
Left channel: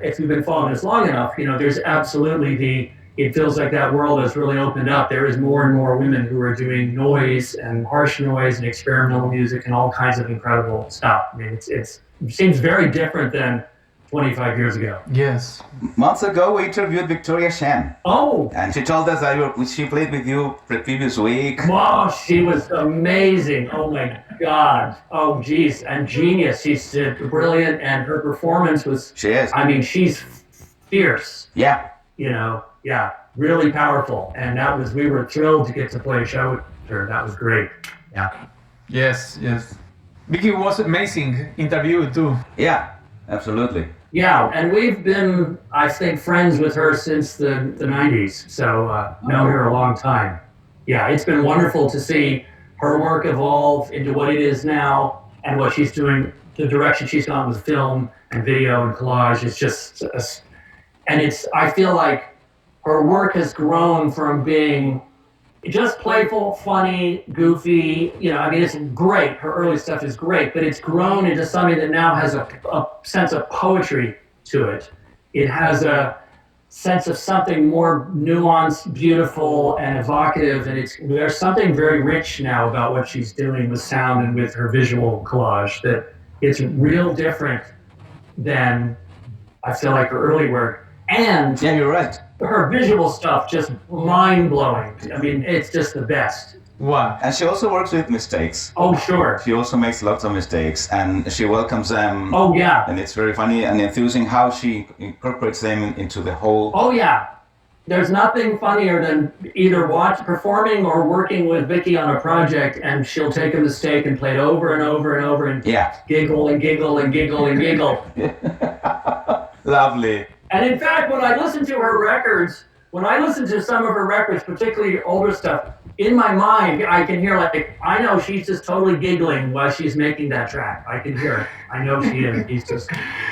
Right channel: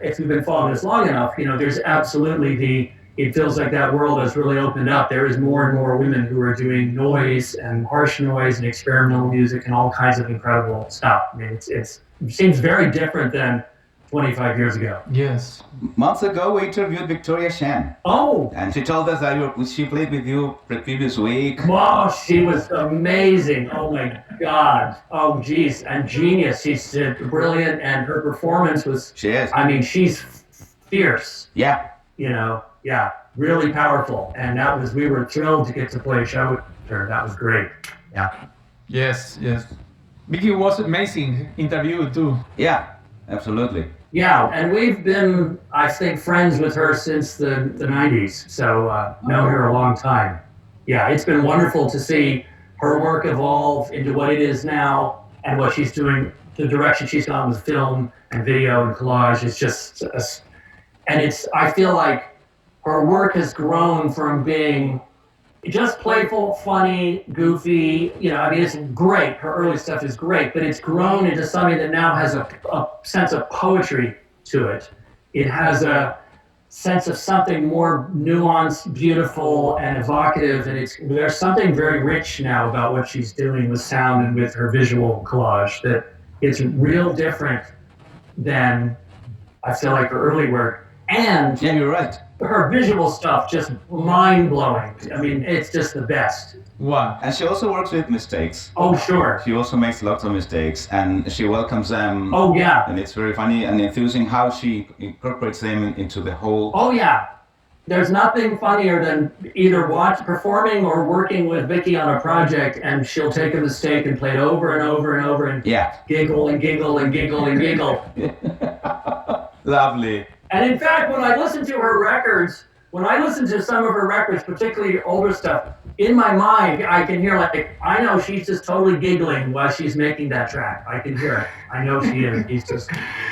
if you've been following this long enough, there's absolutely it feels like that world has really opened up. There is more and more women who are doing noise and harsh noise and experimental music and all kinds of incredible stuff. I mean, it seems very different than 25 years ago. Yes. Months ago, we interviewed Victoria Shen. Oh! And she told us that she played with you the previous week. Wow, she was amazing. Oh my God. Oh, geez. And genius. She's brilliant, and her performance was... She is. I mean, she's fierce. Yeah. Yeah, really powerful. And we were thrilled to get to play a show with her. That was great. Yeah. Yes. Vicky was amazing interview too. Yeah, absolutely. Yeah, and we've been, I think, friends with her since the 90s, so know her a long time. Yeah, it's been wonderful to see her work evolve into what it is now, and what she's doing, the direction she's gone with film and video and collage. It's just, I feel like her work has grown from being just playful, funny, goofy, it's great. Her early stuff is great, but it's grown into something that now has a sense of poetry to it. It has a sense of something more nuanced, beautiful, and evocative, and there's something very rich now about what she's doing with sound and with her visual collage that it's real different than, I feel like, her early work. And yeah, you're right. Her visual stuff, just mind-blowing. I mean, it's just the best. Wow. And she also works with mistakes. Oh, sure. She also makes lots of mistakes, and she welcomes them. Oh, yeah. And it's very funny and enthusing how she incorporates them into the whole... Oh, yeah. There's nothing funnier than either performing or working with Vicky on a project, and she'll take a mistake and play it over and over and over and giggle and giggle and giggle and giggle. Lovely. And in fact, when I listen to her records, when I listen to some of her records, particularly older stuff, in my mind, I can hear like, I know she's just totally giggling while she's making that track. I can hear it. I know she is.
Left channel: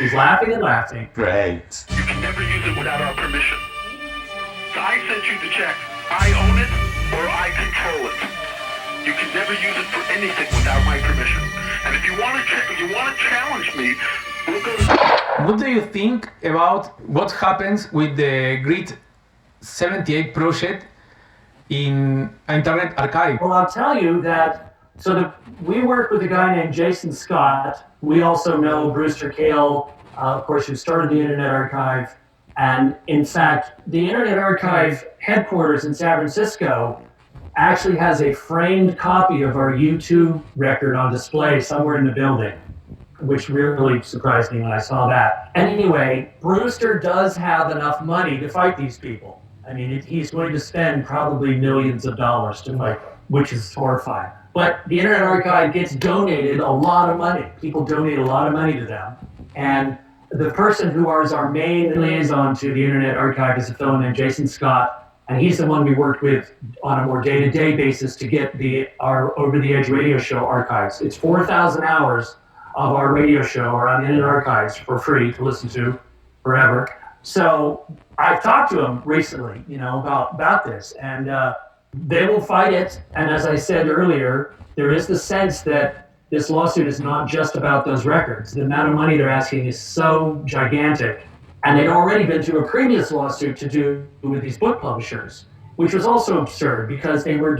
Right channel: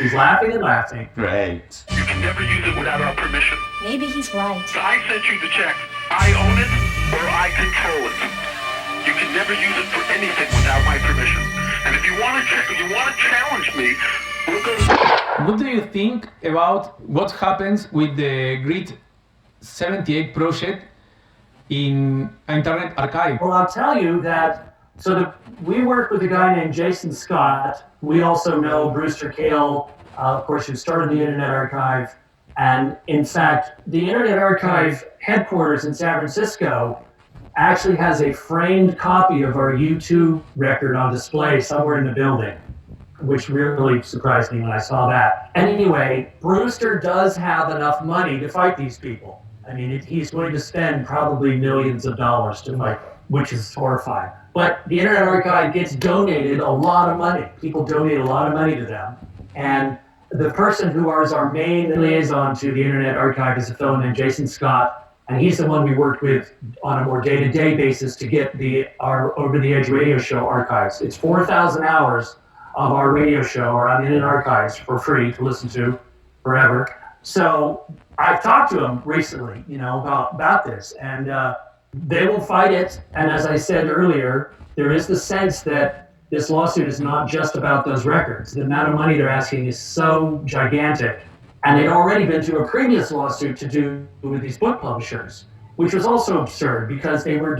He's laughing and laughing. Great. You can never use it without our permission. Maybe he's right. I sent you the check. I own it or I control it. You can never use it for anything without my permission. And if you want to challenge me, we'll go to... What do you think about what happens with the Grid 78 project in Internet Archive? Well, I'll tell you that, we worked with a guy named Jason Scott. We also know Brewster Kahle, of course, who started the Internet Archive. And in fact, the Internet Archive headquarters in San Francisco actually has a framed copy of our U2 record on display somewhere in the building, which really surprised me when I saw that. Anyway, Brewster does have enough money to fight these people. I mean, he's going to spend probably millions of dollars to fight, which is horrifying. But the Internet Archive gets donated a lot of money. People donate a lot of money to them. And the person who is our main liaison to the Internet Archive is a fellow named Jason Scott. And he's the one we worked with on a more day-to-day basis to get our Over the Edge radio show archives. It's 4,000 hours of our radio show are on the Internet Archives for free to listen to forever. So I've talked to them recently, about this, and they will fight it. And as I said earlier, there is the sense that this lawsuit is not just about those records. The amount of money they're asking is so gigantic. And they'd already been to a previous lawsuit to do with these book publishers, which was also absurd because they were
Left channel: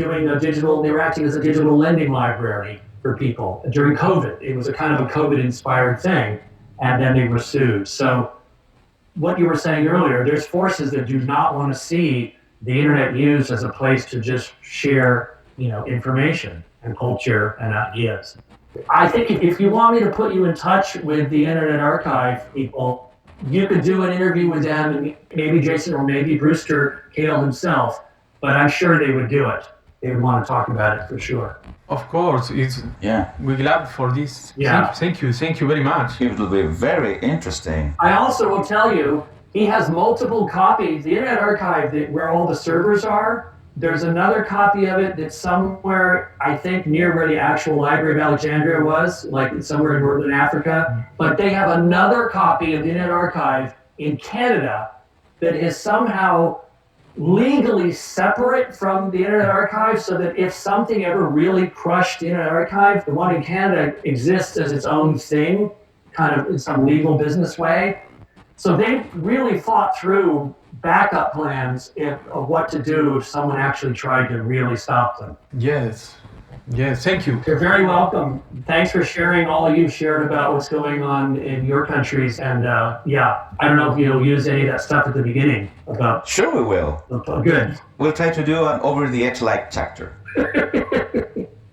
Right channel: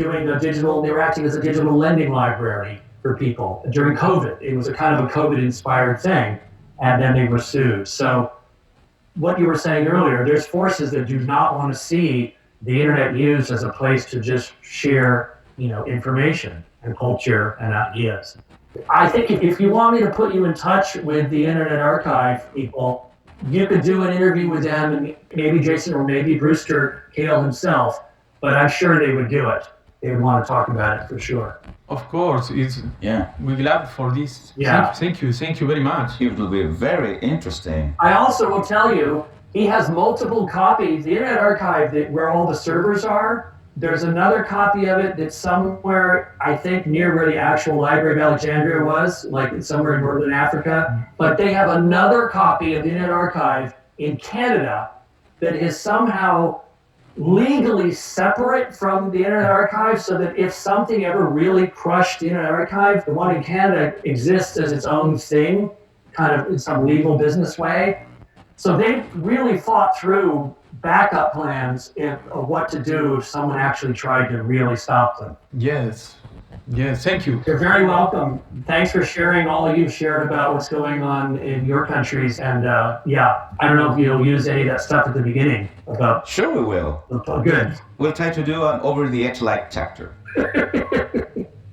acting as a digital lending library for people during COVID. It was a kind of a COVID-inspired thing, and then they were sued. So what you were saying earlier, there's forces that do not want to see the internet used as a place to just share, information and culture and ideas. I think if you want me to put you in touch with the Internet Archive people, you could do an interview with them, and maybe Jason or maybe Brewster Kahle himself, but I'm sure they would do it. They would want to talk about it for sure. Of course, we're glad for this. Yeah. Thank you very much. It will be very interesting. I also will tell you, he has multiple copies. The Internet Archive, where all the servers are, there's another copy of it that's somewhere, I think, near where the actual Library of Alexandria was, like somewhere in Northern Africa. But they have another copy of the Internet Archive in Canada that is somehow legally separate from the Internet Archive, so that if something ever really crushed the Internet Archive, the one in Canada exists as its own thing, kind of in some legal business way. So they really thought through backup plans of what to do if someone actually tried to really stop them. Yes, thank you. You're very welcome. Thanks for sharing all you've shared about what's going on in your countries. And I don't know if you'll use any of that stuff at the beginning about... Sure we will. Good. We'll try to do an over-the-edge-like chapter.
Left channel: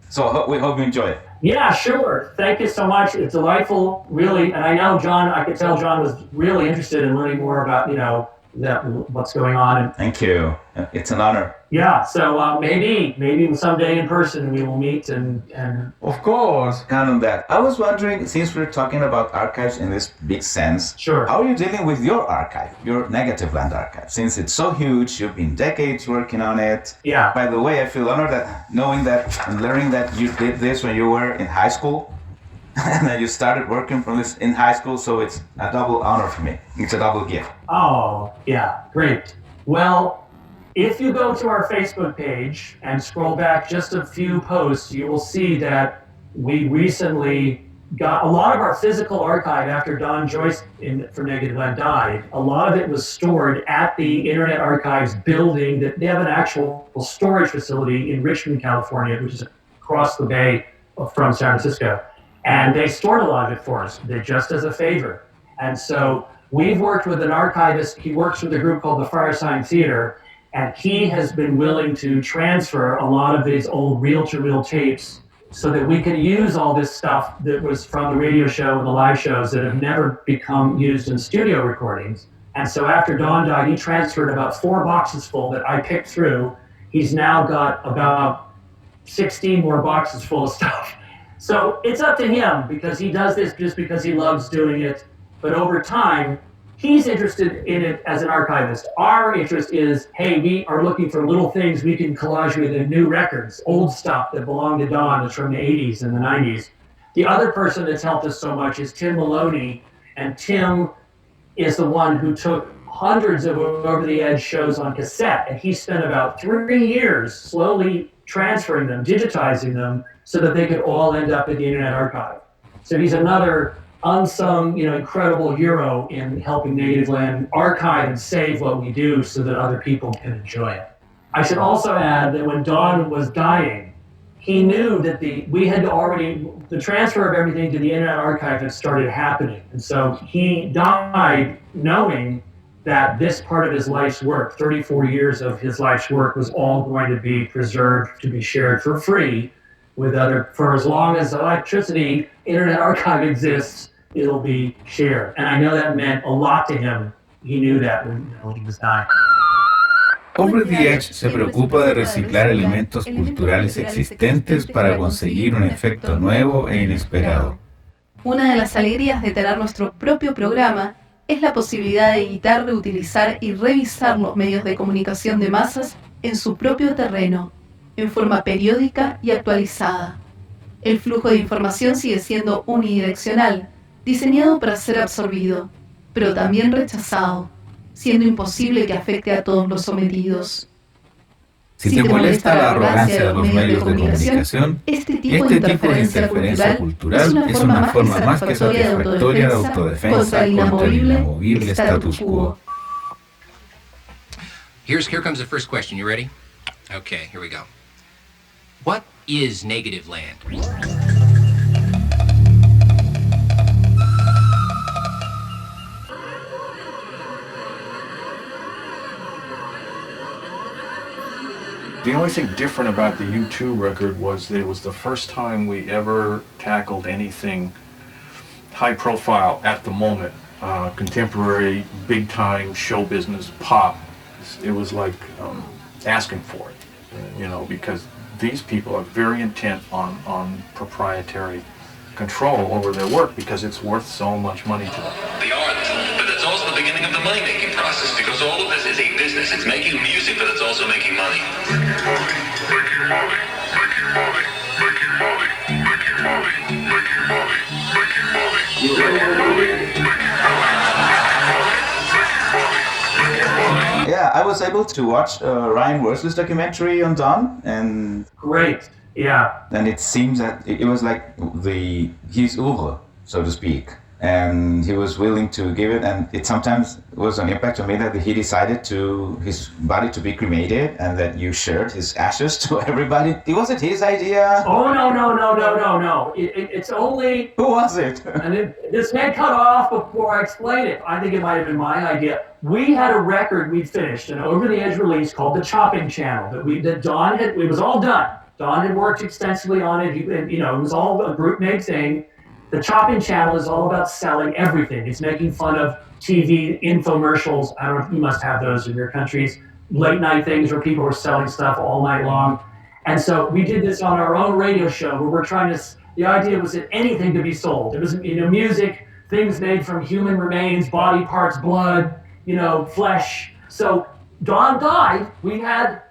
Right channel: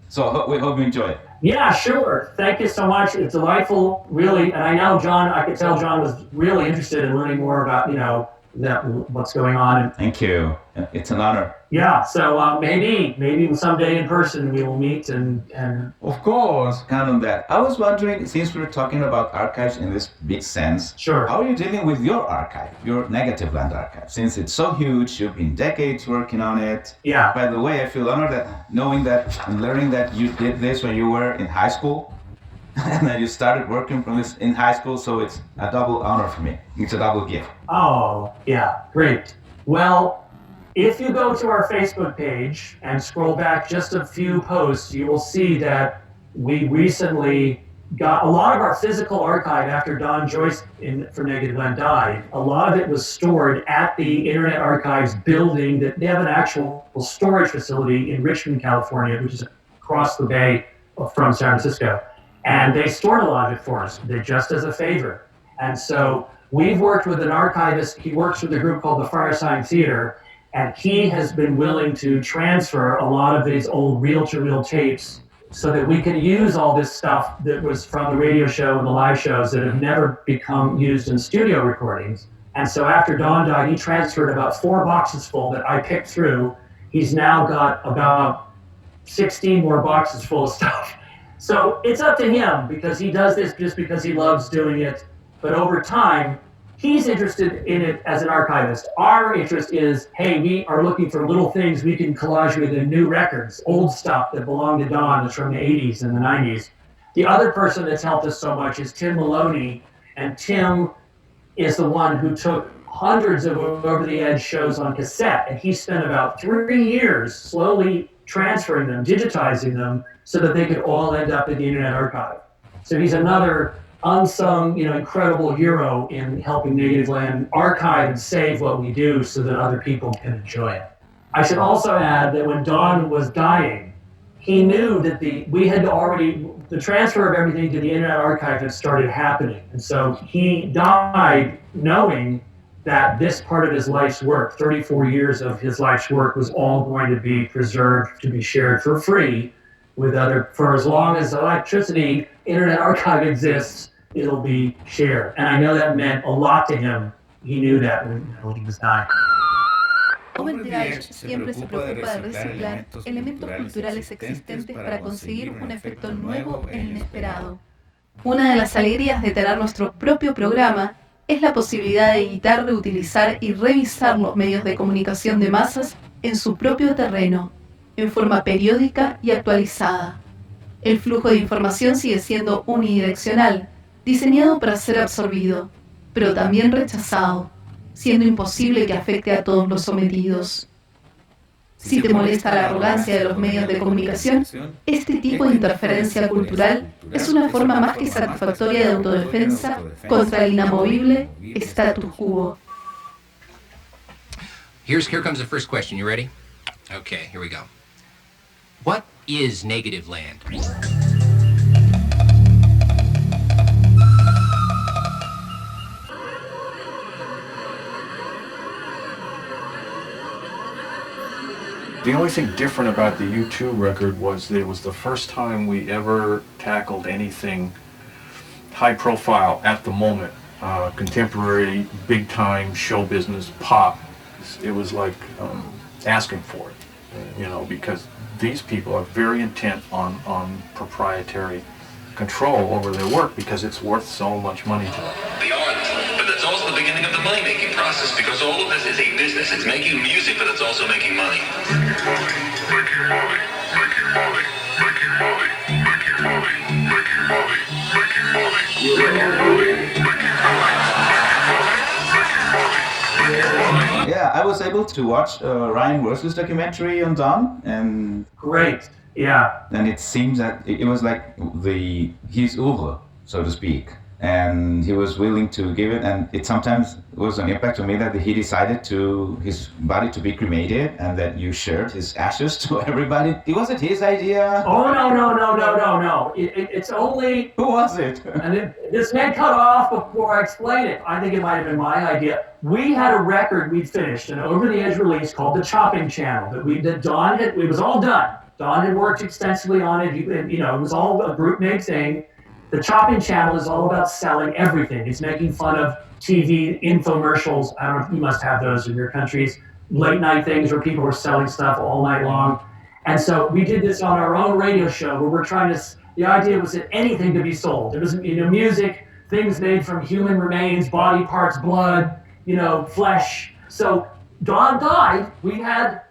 So we hope you enjoy it. Yeah, sure. Thank you so much. It's delightful, really. And I know I could tell John was really interested in learning more about, what's going on. Thank you. It's an honor. Yeah, so maybe someday in person we will meet and... Of course. Count on that. I was wondering, since we're talking about archives in this big sense, sure. How are you dealing with your archive, your Negativland archive? Since it's so huge, you've been decades working on it. Yeah. By the way, I feel honored that knowing that and learning that you did this when you were in high school. And then you started working from this in high school, so it's a double honor for me. It's a double gift. Oh, yeah, great. Well, if you go to our Facebook page and scroll back just a few posts, you will see that we recently got a lot of our physical archive after Don Joyce for Negativland died. A lot of it was stored at the Internet Archives building. That they have an actual storage facility in Richmond, California, which is across the bay from San Francisco. And they stored a lot of it for us, just as a favor. And so we've worked with an archivist. He works with a group called the Firesign Theater, and he has been willing to transfer a lot of these old reel-to-reel tapes so that we can use all this stuff that was from the radio show and the live shows that have never become used in studio recordings, And so after Don died, he transferred about 4 boxes full that I picked through. He's now got about 16 more boxes full of stuff. So it's up to him, because he does this just because he loves doing it. But over time, he's interested in it as an archivist. Our interest is, hey, we are looking for little things we can collage with in new records, old stuff that belonged to Don that's from the 80s and the 90s. The other person that's helped us so much is Tim Maloney, and Tim is the one who took hundreds of Over the Edge shows on cassette, and he spent about 3 years slowly transferring them, digitizing them, so that they could all end up in the Internet Archive. So he's another unsung, incredible hero in helping Negativland archive and save what we do so that other people can enjoy it. I should also add that when Don was dying, he knew that the transfer of everything to the Internet Archive had started happening. And so he died knowing that this part of his life's work, 34 years of his life's work, was all going to be preserved to be shared for free for as long as electricity, Internet Archive exists, it'll be shared. And I know that meant a lot to him. He knew that when he was dying. Over the Edge se preocupa de reciclar elementos culturales existentes para conseguir un efecto nuevo e inesperado. Una de las alegrías de tener nuestro propio programa es la posibilidad de editar, reutilizar y revisar los medios de comunicación de masas en su propio terreno, en forma periódica y actualizada. El flujo de información sigue siendo unidireccional, diseñado para ser absorbido, pero también rechazado, siendo imposible que afecte a todos los sometidos. Si te molesta la arrogancia de los medios de comunicación, este tipo de interferencia cultural es una forma más que satisfactoria de autodefensa contra el inamovible status quo. Here comes the first question. You ready? Okay, here we go. What is Negativland? The only thing different about the U2 record was that it was the first time we ever tackled anything high profile at the moment, contemporary, big time show business pop. It was like asking for it, because these people are very intent on proprietary control over their work because it's worth so much money to them. The art, but that's also the beginning of the money-making process because all of this is a business. It's making music, but it's also making money. Yeah, I was able to watch Ryan Worsley's documentary on Don, and great. Yeah. And it seems that it was like his oeuvre, so to speak. And he was willing to give it, and it sometimes was an impact on me that he decided his body to be cremated and that you shared his ashes to everybody. Was it his idea? Oh, no. It's only... Who was it? And this may cut off before I explain it. I think it might have been my idea. We had a record we'd finished, an Over the Edge release called The Chopping Channel that Don had, it was all done. Don had worked extensively on it. It was all a group-made thing. The Chopping Channel is all about selling everything. It's making fun of TV infomercials. I don't know if you must have those in your countries. Late night things where people are selling stuff all night long. And so we did this on our own radio show where we're trying to, the idea was that anything could be sold. It was, music, things made from human remains, body parts, blood, flesh. So Don died. We had,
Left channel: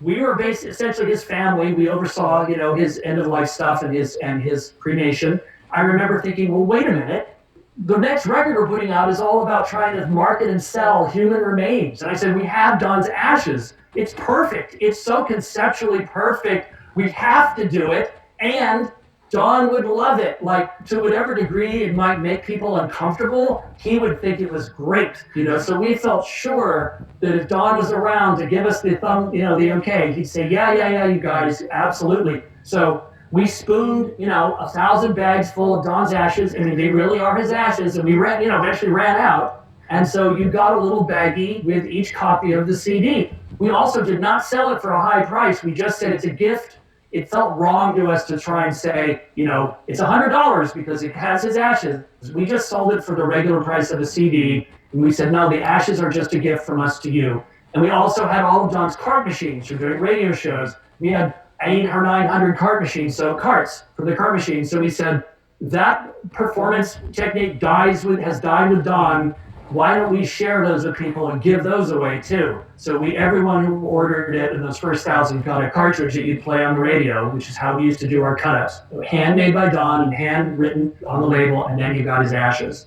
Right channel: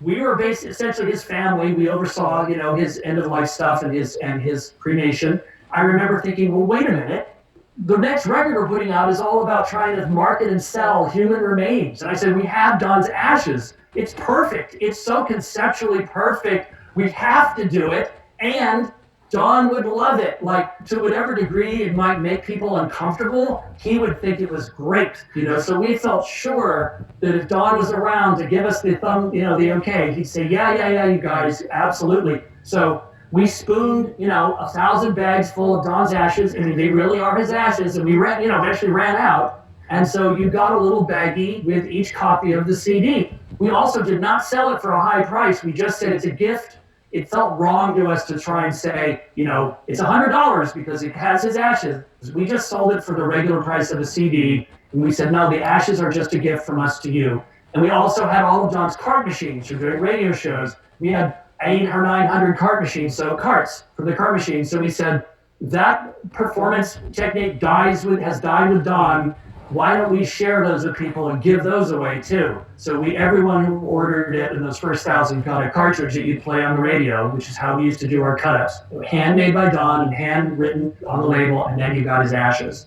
we were essentially his family. We oversaw, his end-of-life stuff and his cremation. I remember thinking, well, wait a minute. The next record we're putting out is all about trying to market and sell human remains. And I said, we have Don's ashes. It's perfect. It's so conceptually perfect. We have to do it. And Don would love it. Like, to whatever degree it might make people uncomfortable, he would think it was great. So we felt sure that if Don was around to give us the the okay, he'd say, yeah, you guys, absolutely. So we spooned, 1,000 bags full of Don's ashes, and they really are his ashes, and we eventually ran out. And so you got a little baggie with each copy of the CD. We also did not sell it for a high price. We just said it's a gift. It felt wrong to us to try and say, it's $100 because it has his ashes. We just sold it for the regular price of a CD, And we said, no, the ashes are just a gift from us to you. And we also had all of Jon's cart machines for doing radio shows. We had 800 or 900 cart machines, so carts from the cart machines. So we said, that performance technique has died with Don. Why don't we share those with people and give those away too? So everyone who ordered it in those first 1,000 got a cartridge that you'd play on the radio, which is how we used to do our cut-ups. Handmade by Don and handwritten on the label, and then you got his ashes.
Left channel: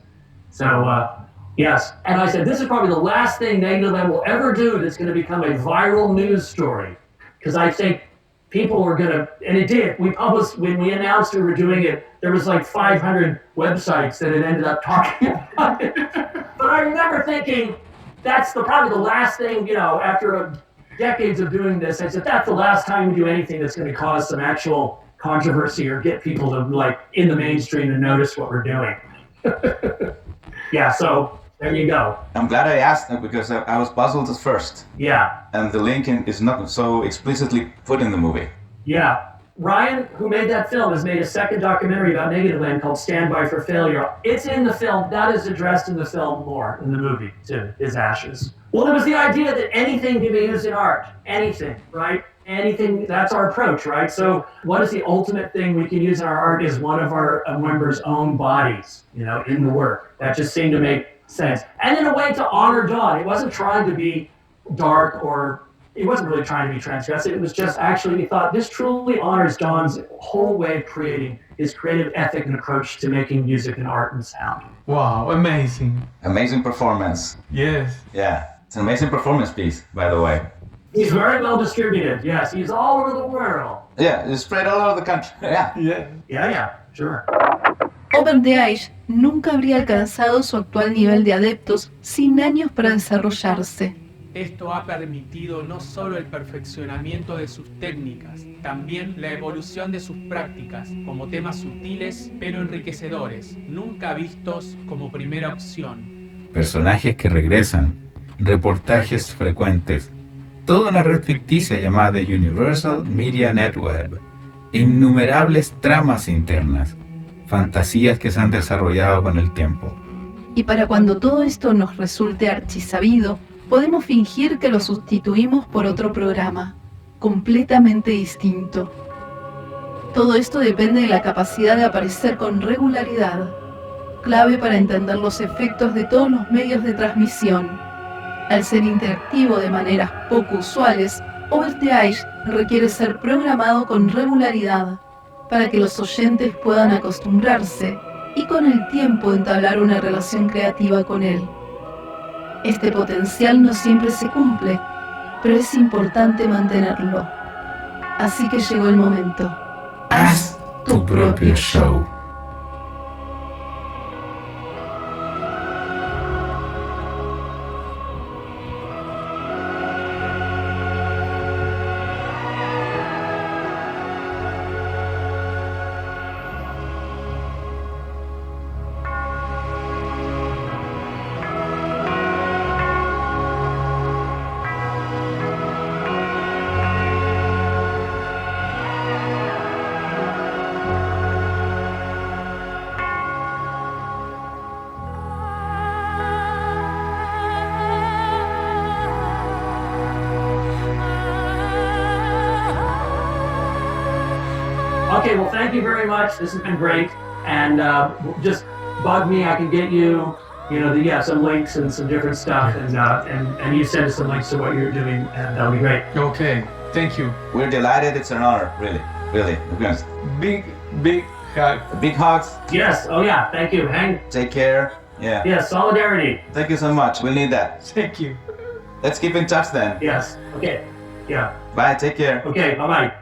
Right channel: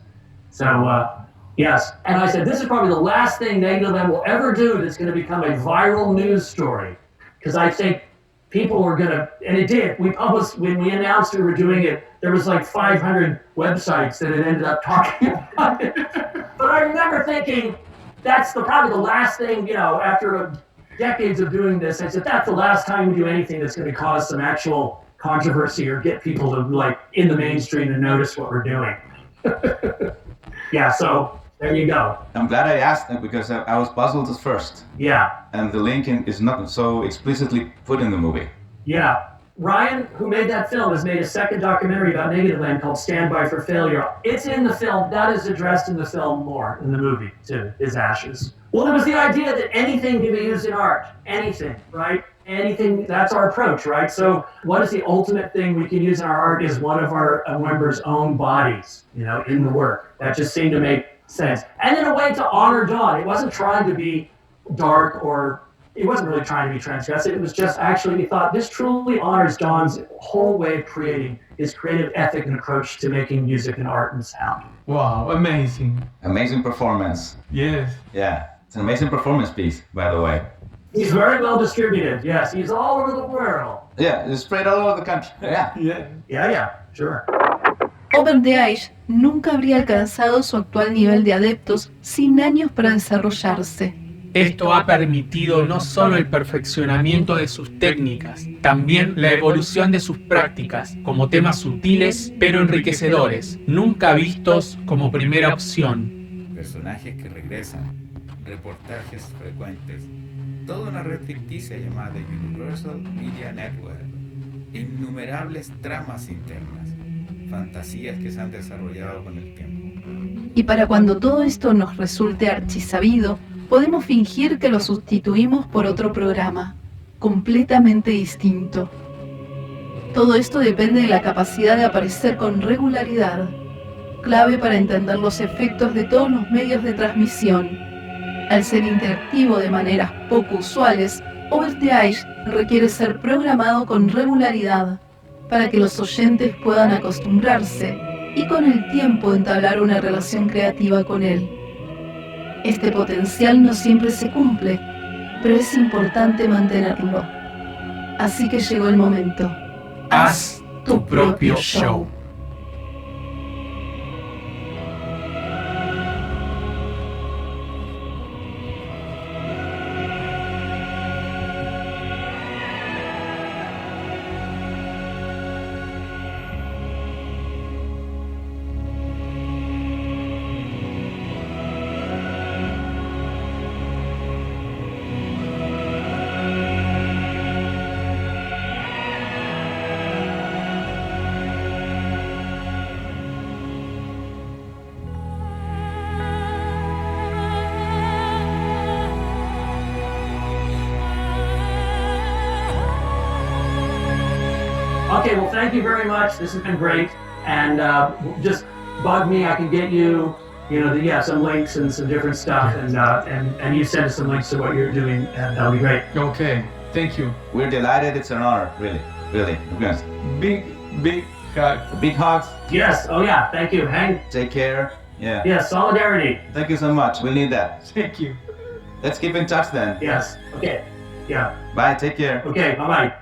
So, yes. And I said, this is probably the last thing Negativland will ever do that's going to become a viral news story. Because I think people were going to, and it did. We published, when we announced we were doing it, there was like 500 websites that had ended up talking about it. But I remember thinking, that's probably the last thing, after decades of doing this, I said, that's the last time we do anything that's going to cause some actual controversy or get people to, in the mainstream to notice what we're doing. Yeah, so there you go. I'm glad I asked them because I was puzzled at first. Yeah. And the link is not so explicitly put in the movie. Yeah. Ryan, who made that film, has made a second documentary about Negativland called Stand By for Failure. It's in the film. That is addressed in the film more, in the movie, too, his ashes. Well, it was the idea that anything can be used in art. Anything, right? Anything, that's our approach, right? So what is the ultimate thing we can use in our art is one of our members' own bodies, in the work. That just seemed to make sense. And in a way to honor Don. It wasn't trying to be dark or it wasn't really trying to be transgressive. It was just actually, we thought this truly honors Don's whole way of creating, his creative ethic and approach to making music and art and sound. Wow, amazing. Amazing performance. Yes. Yeah, it's an amazing performance piece, by the way. He's very well distributed, yes. He's all over the world. Yeah, he's spread all over the country. Yeah, sure. Over the Edge nunca habría alcanzado su actual nivel de adeptos sin años para desarrollarse. Esto ha permitido no solo el perfeccionamiento de sus técnicas, también la evolución de sus prácticas como temas sutiles pero enriquecedores, nunca vistos como primera opción. Personajes que regresan, reportajes frecuentes, toda una red ficticia llamada Universal Media Network, innumerables tramas internas, fantasías que se han desarrollado con el tiempo. Y para cuando todo esto nos resulte archisabido, podemos fingir que lo sustituimos por otro programa, completamente distinto. Todo esto depende de la capacidad de aparecer con regularidad, clave para entender los efectos de todos los medios de transmisión. Al ser interactivo de maneras poco usuales, Over the Edge requiere ser programado con regularidad, para que los oyentes puedan acostumbrarse y con el tiempo entablar una relación creativa con él. Este potencial no siempre se cumple, pero es importante mantenerlo. Así que llegó el momento. Haz tu propio show. Okay, well, thank you very much. This has been great. And just bug me. I can get you, some links and some different stuff. And you send us some links to what you're doing, and that'll be great. Okay, thank you. We're delighted. It's an honor, really. Yes. Big hug. Big hugs. Yes. Oh, yeah. Thank you. Take care. Yeah. Yes, solidarity. Thank you so much. We'll need that. Thank you. Let's keep in touch then. Yes. Okay. Yeah. Bye. Take care. Okay. Bye-bye.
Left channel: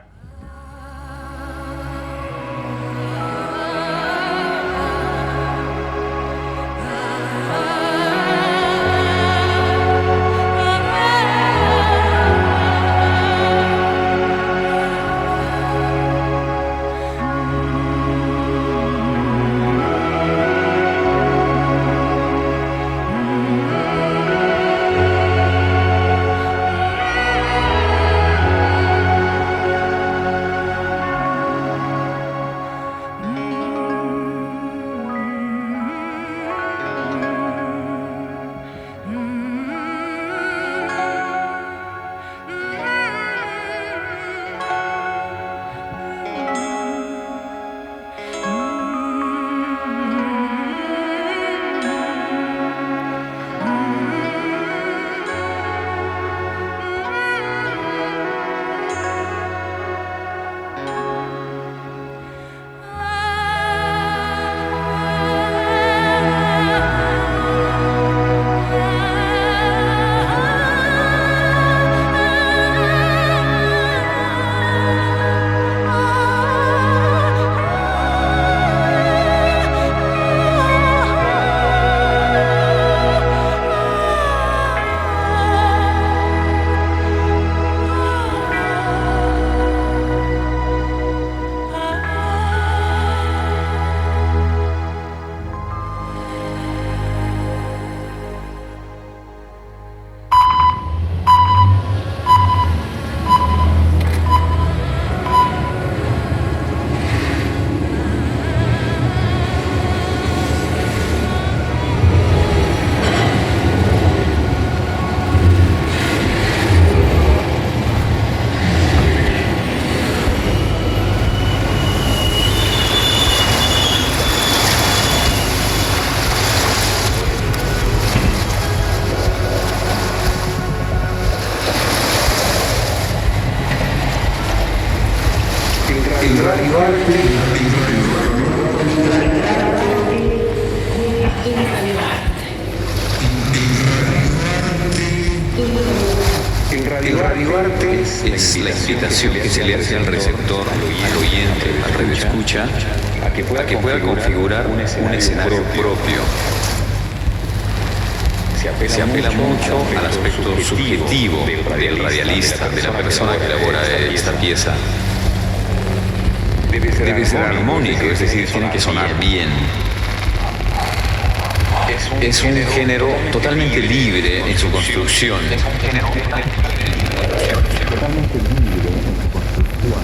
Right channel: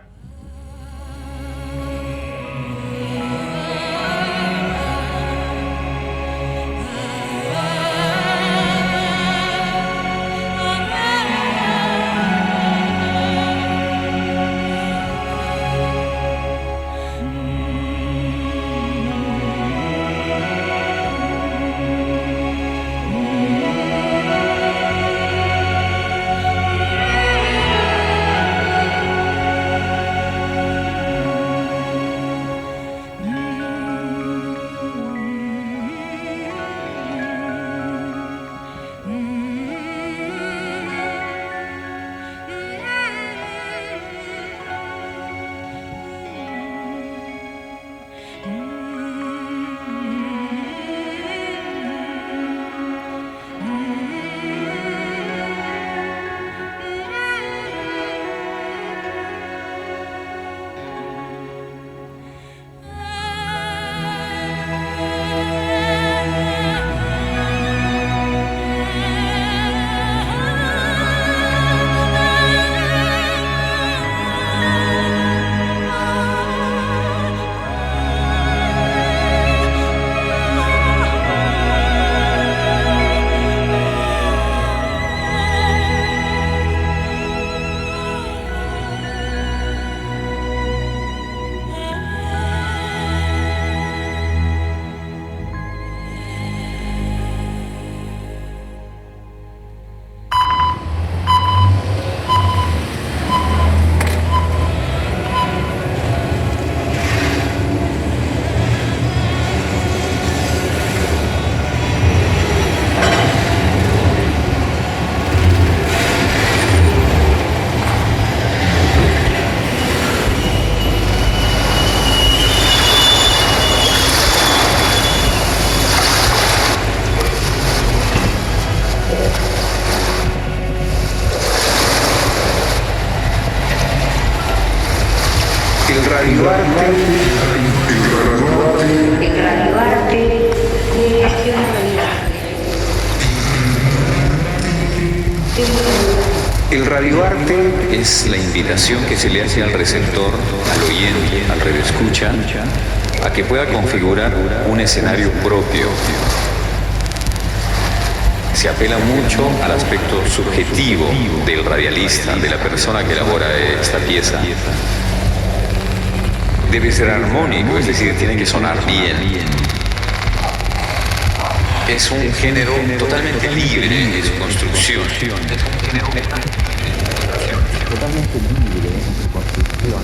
El radioarte es la inspiración que se le hace al receptor oyente que escucha a que pueda configurar un escenario propio. Se apela mucho al aspecto subjetivo del radialista, de la persona que elabora esta pieza. Debe ser armónica, tiene que sonar bien. Es un género totalmente libre en su construcción. Totalmente libre en su construcción.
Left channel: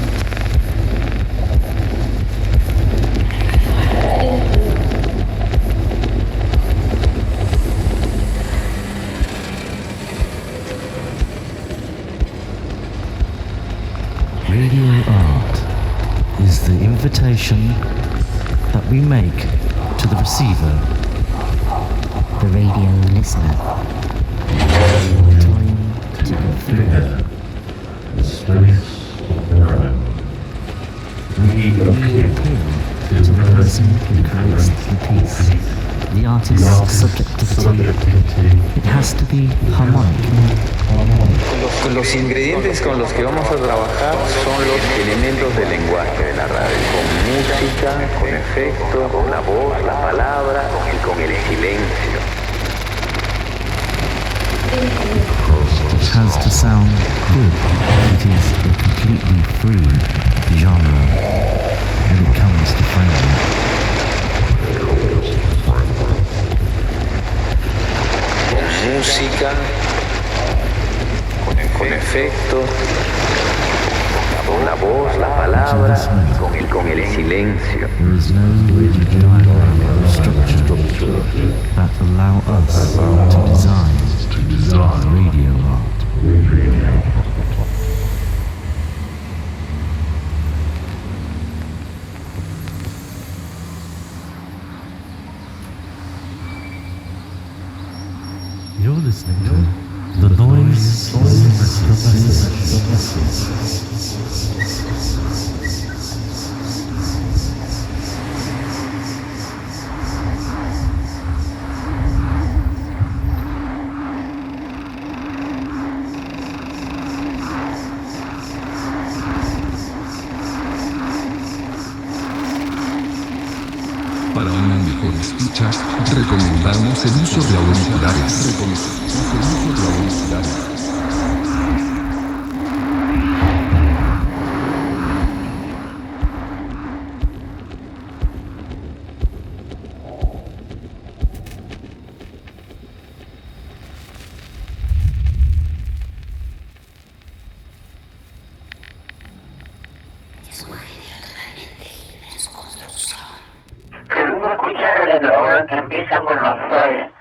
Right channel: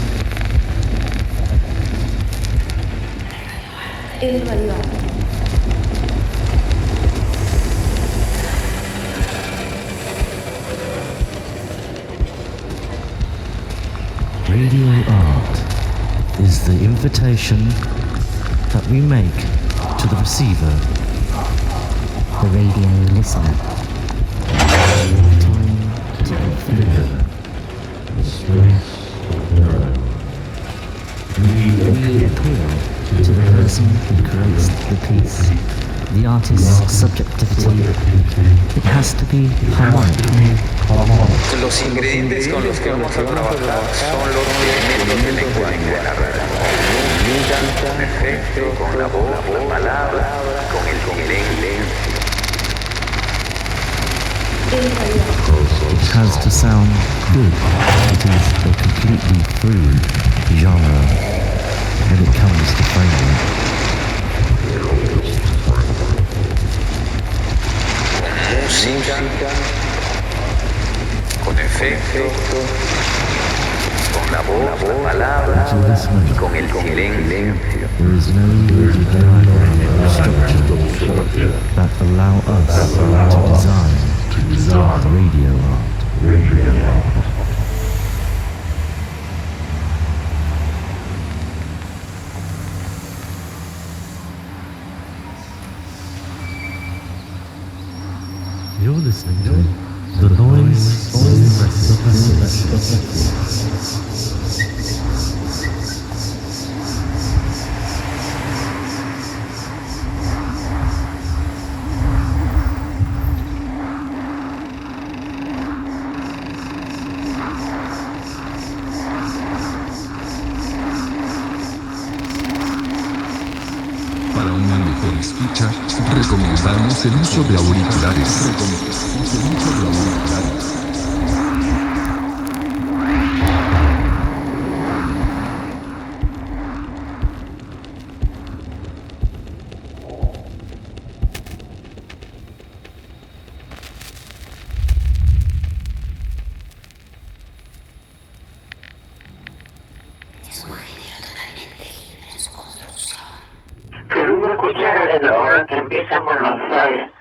Radio art is the invitation that we make to the receiver, the radio listener. Time to consider the space of their own. We appeal to the person who creates the piece, the artist's subjectivity. It has to be harmonic. Los ingredientes con los que vamos a trabajar son los elementos del lenguaje, de la música, con efecto, con la voz, la palabra y con el silencio. It has to sound good. It is a completely free genre when it comes to framework. Música, con efecto, con la voz, la palabra y con el silencio. There is no rigid diagram or structure that allow us to design radio art. You're listening to The Noise, The Message. Para una mejor escucha, recomendamos el uso de auriculares. Queremos escuchar desde la hora que empieza con los rayos.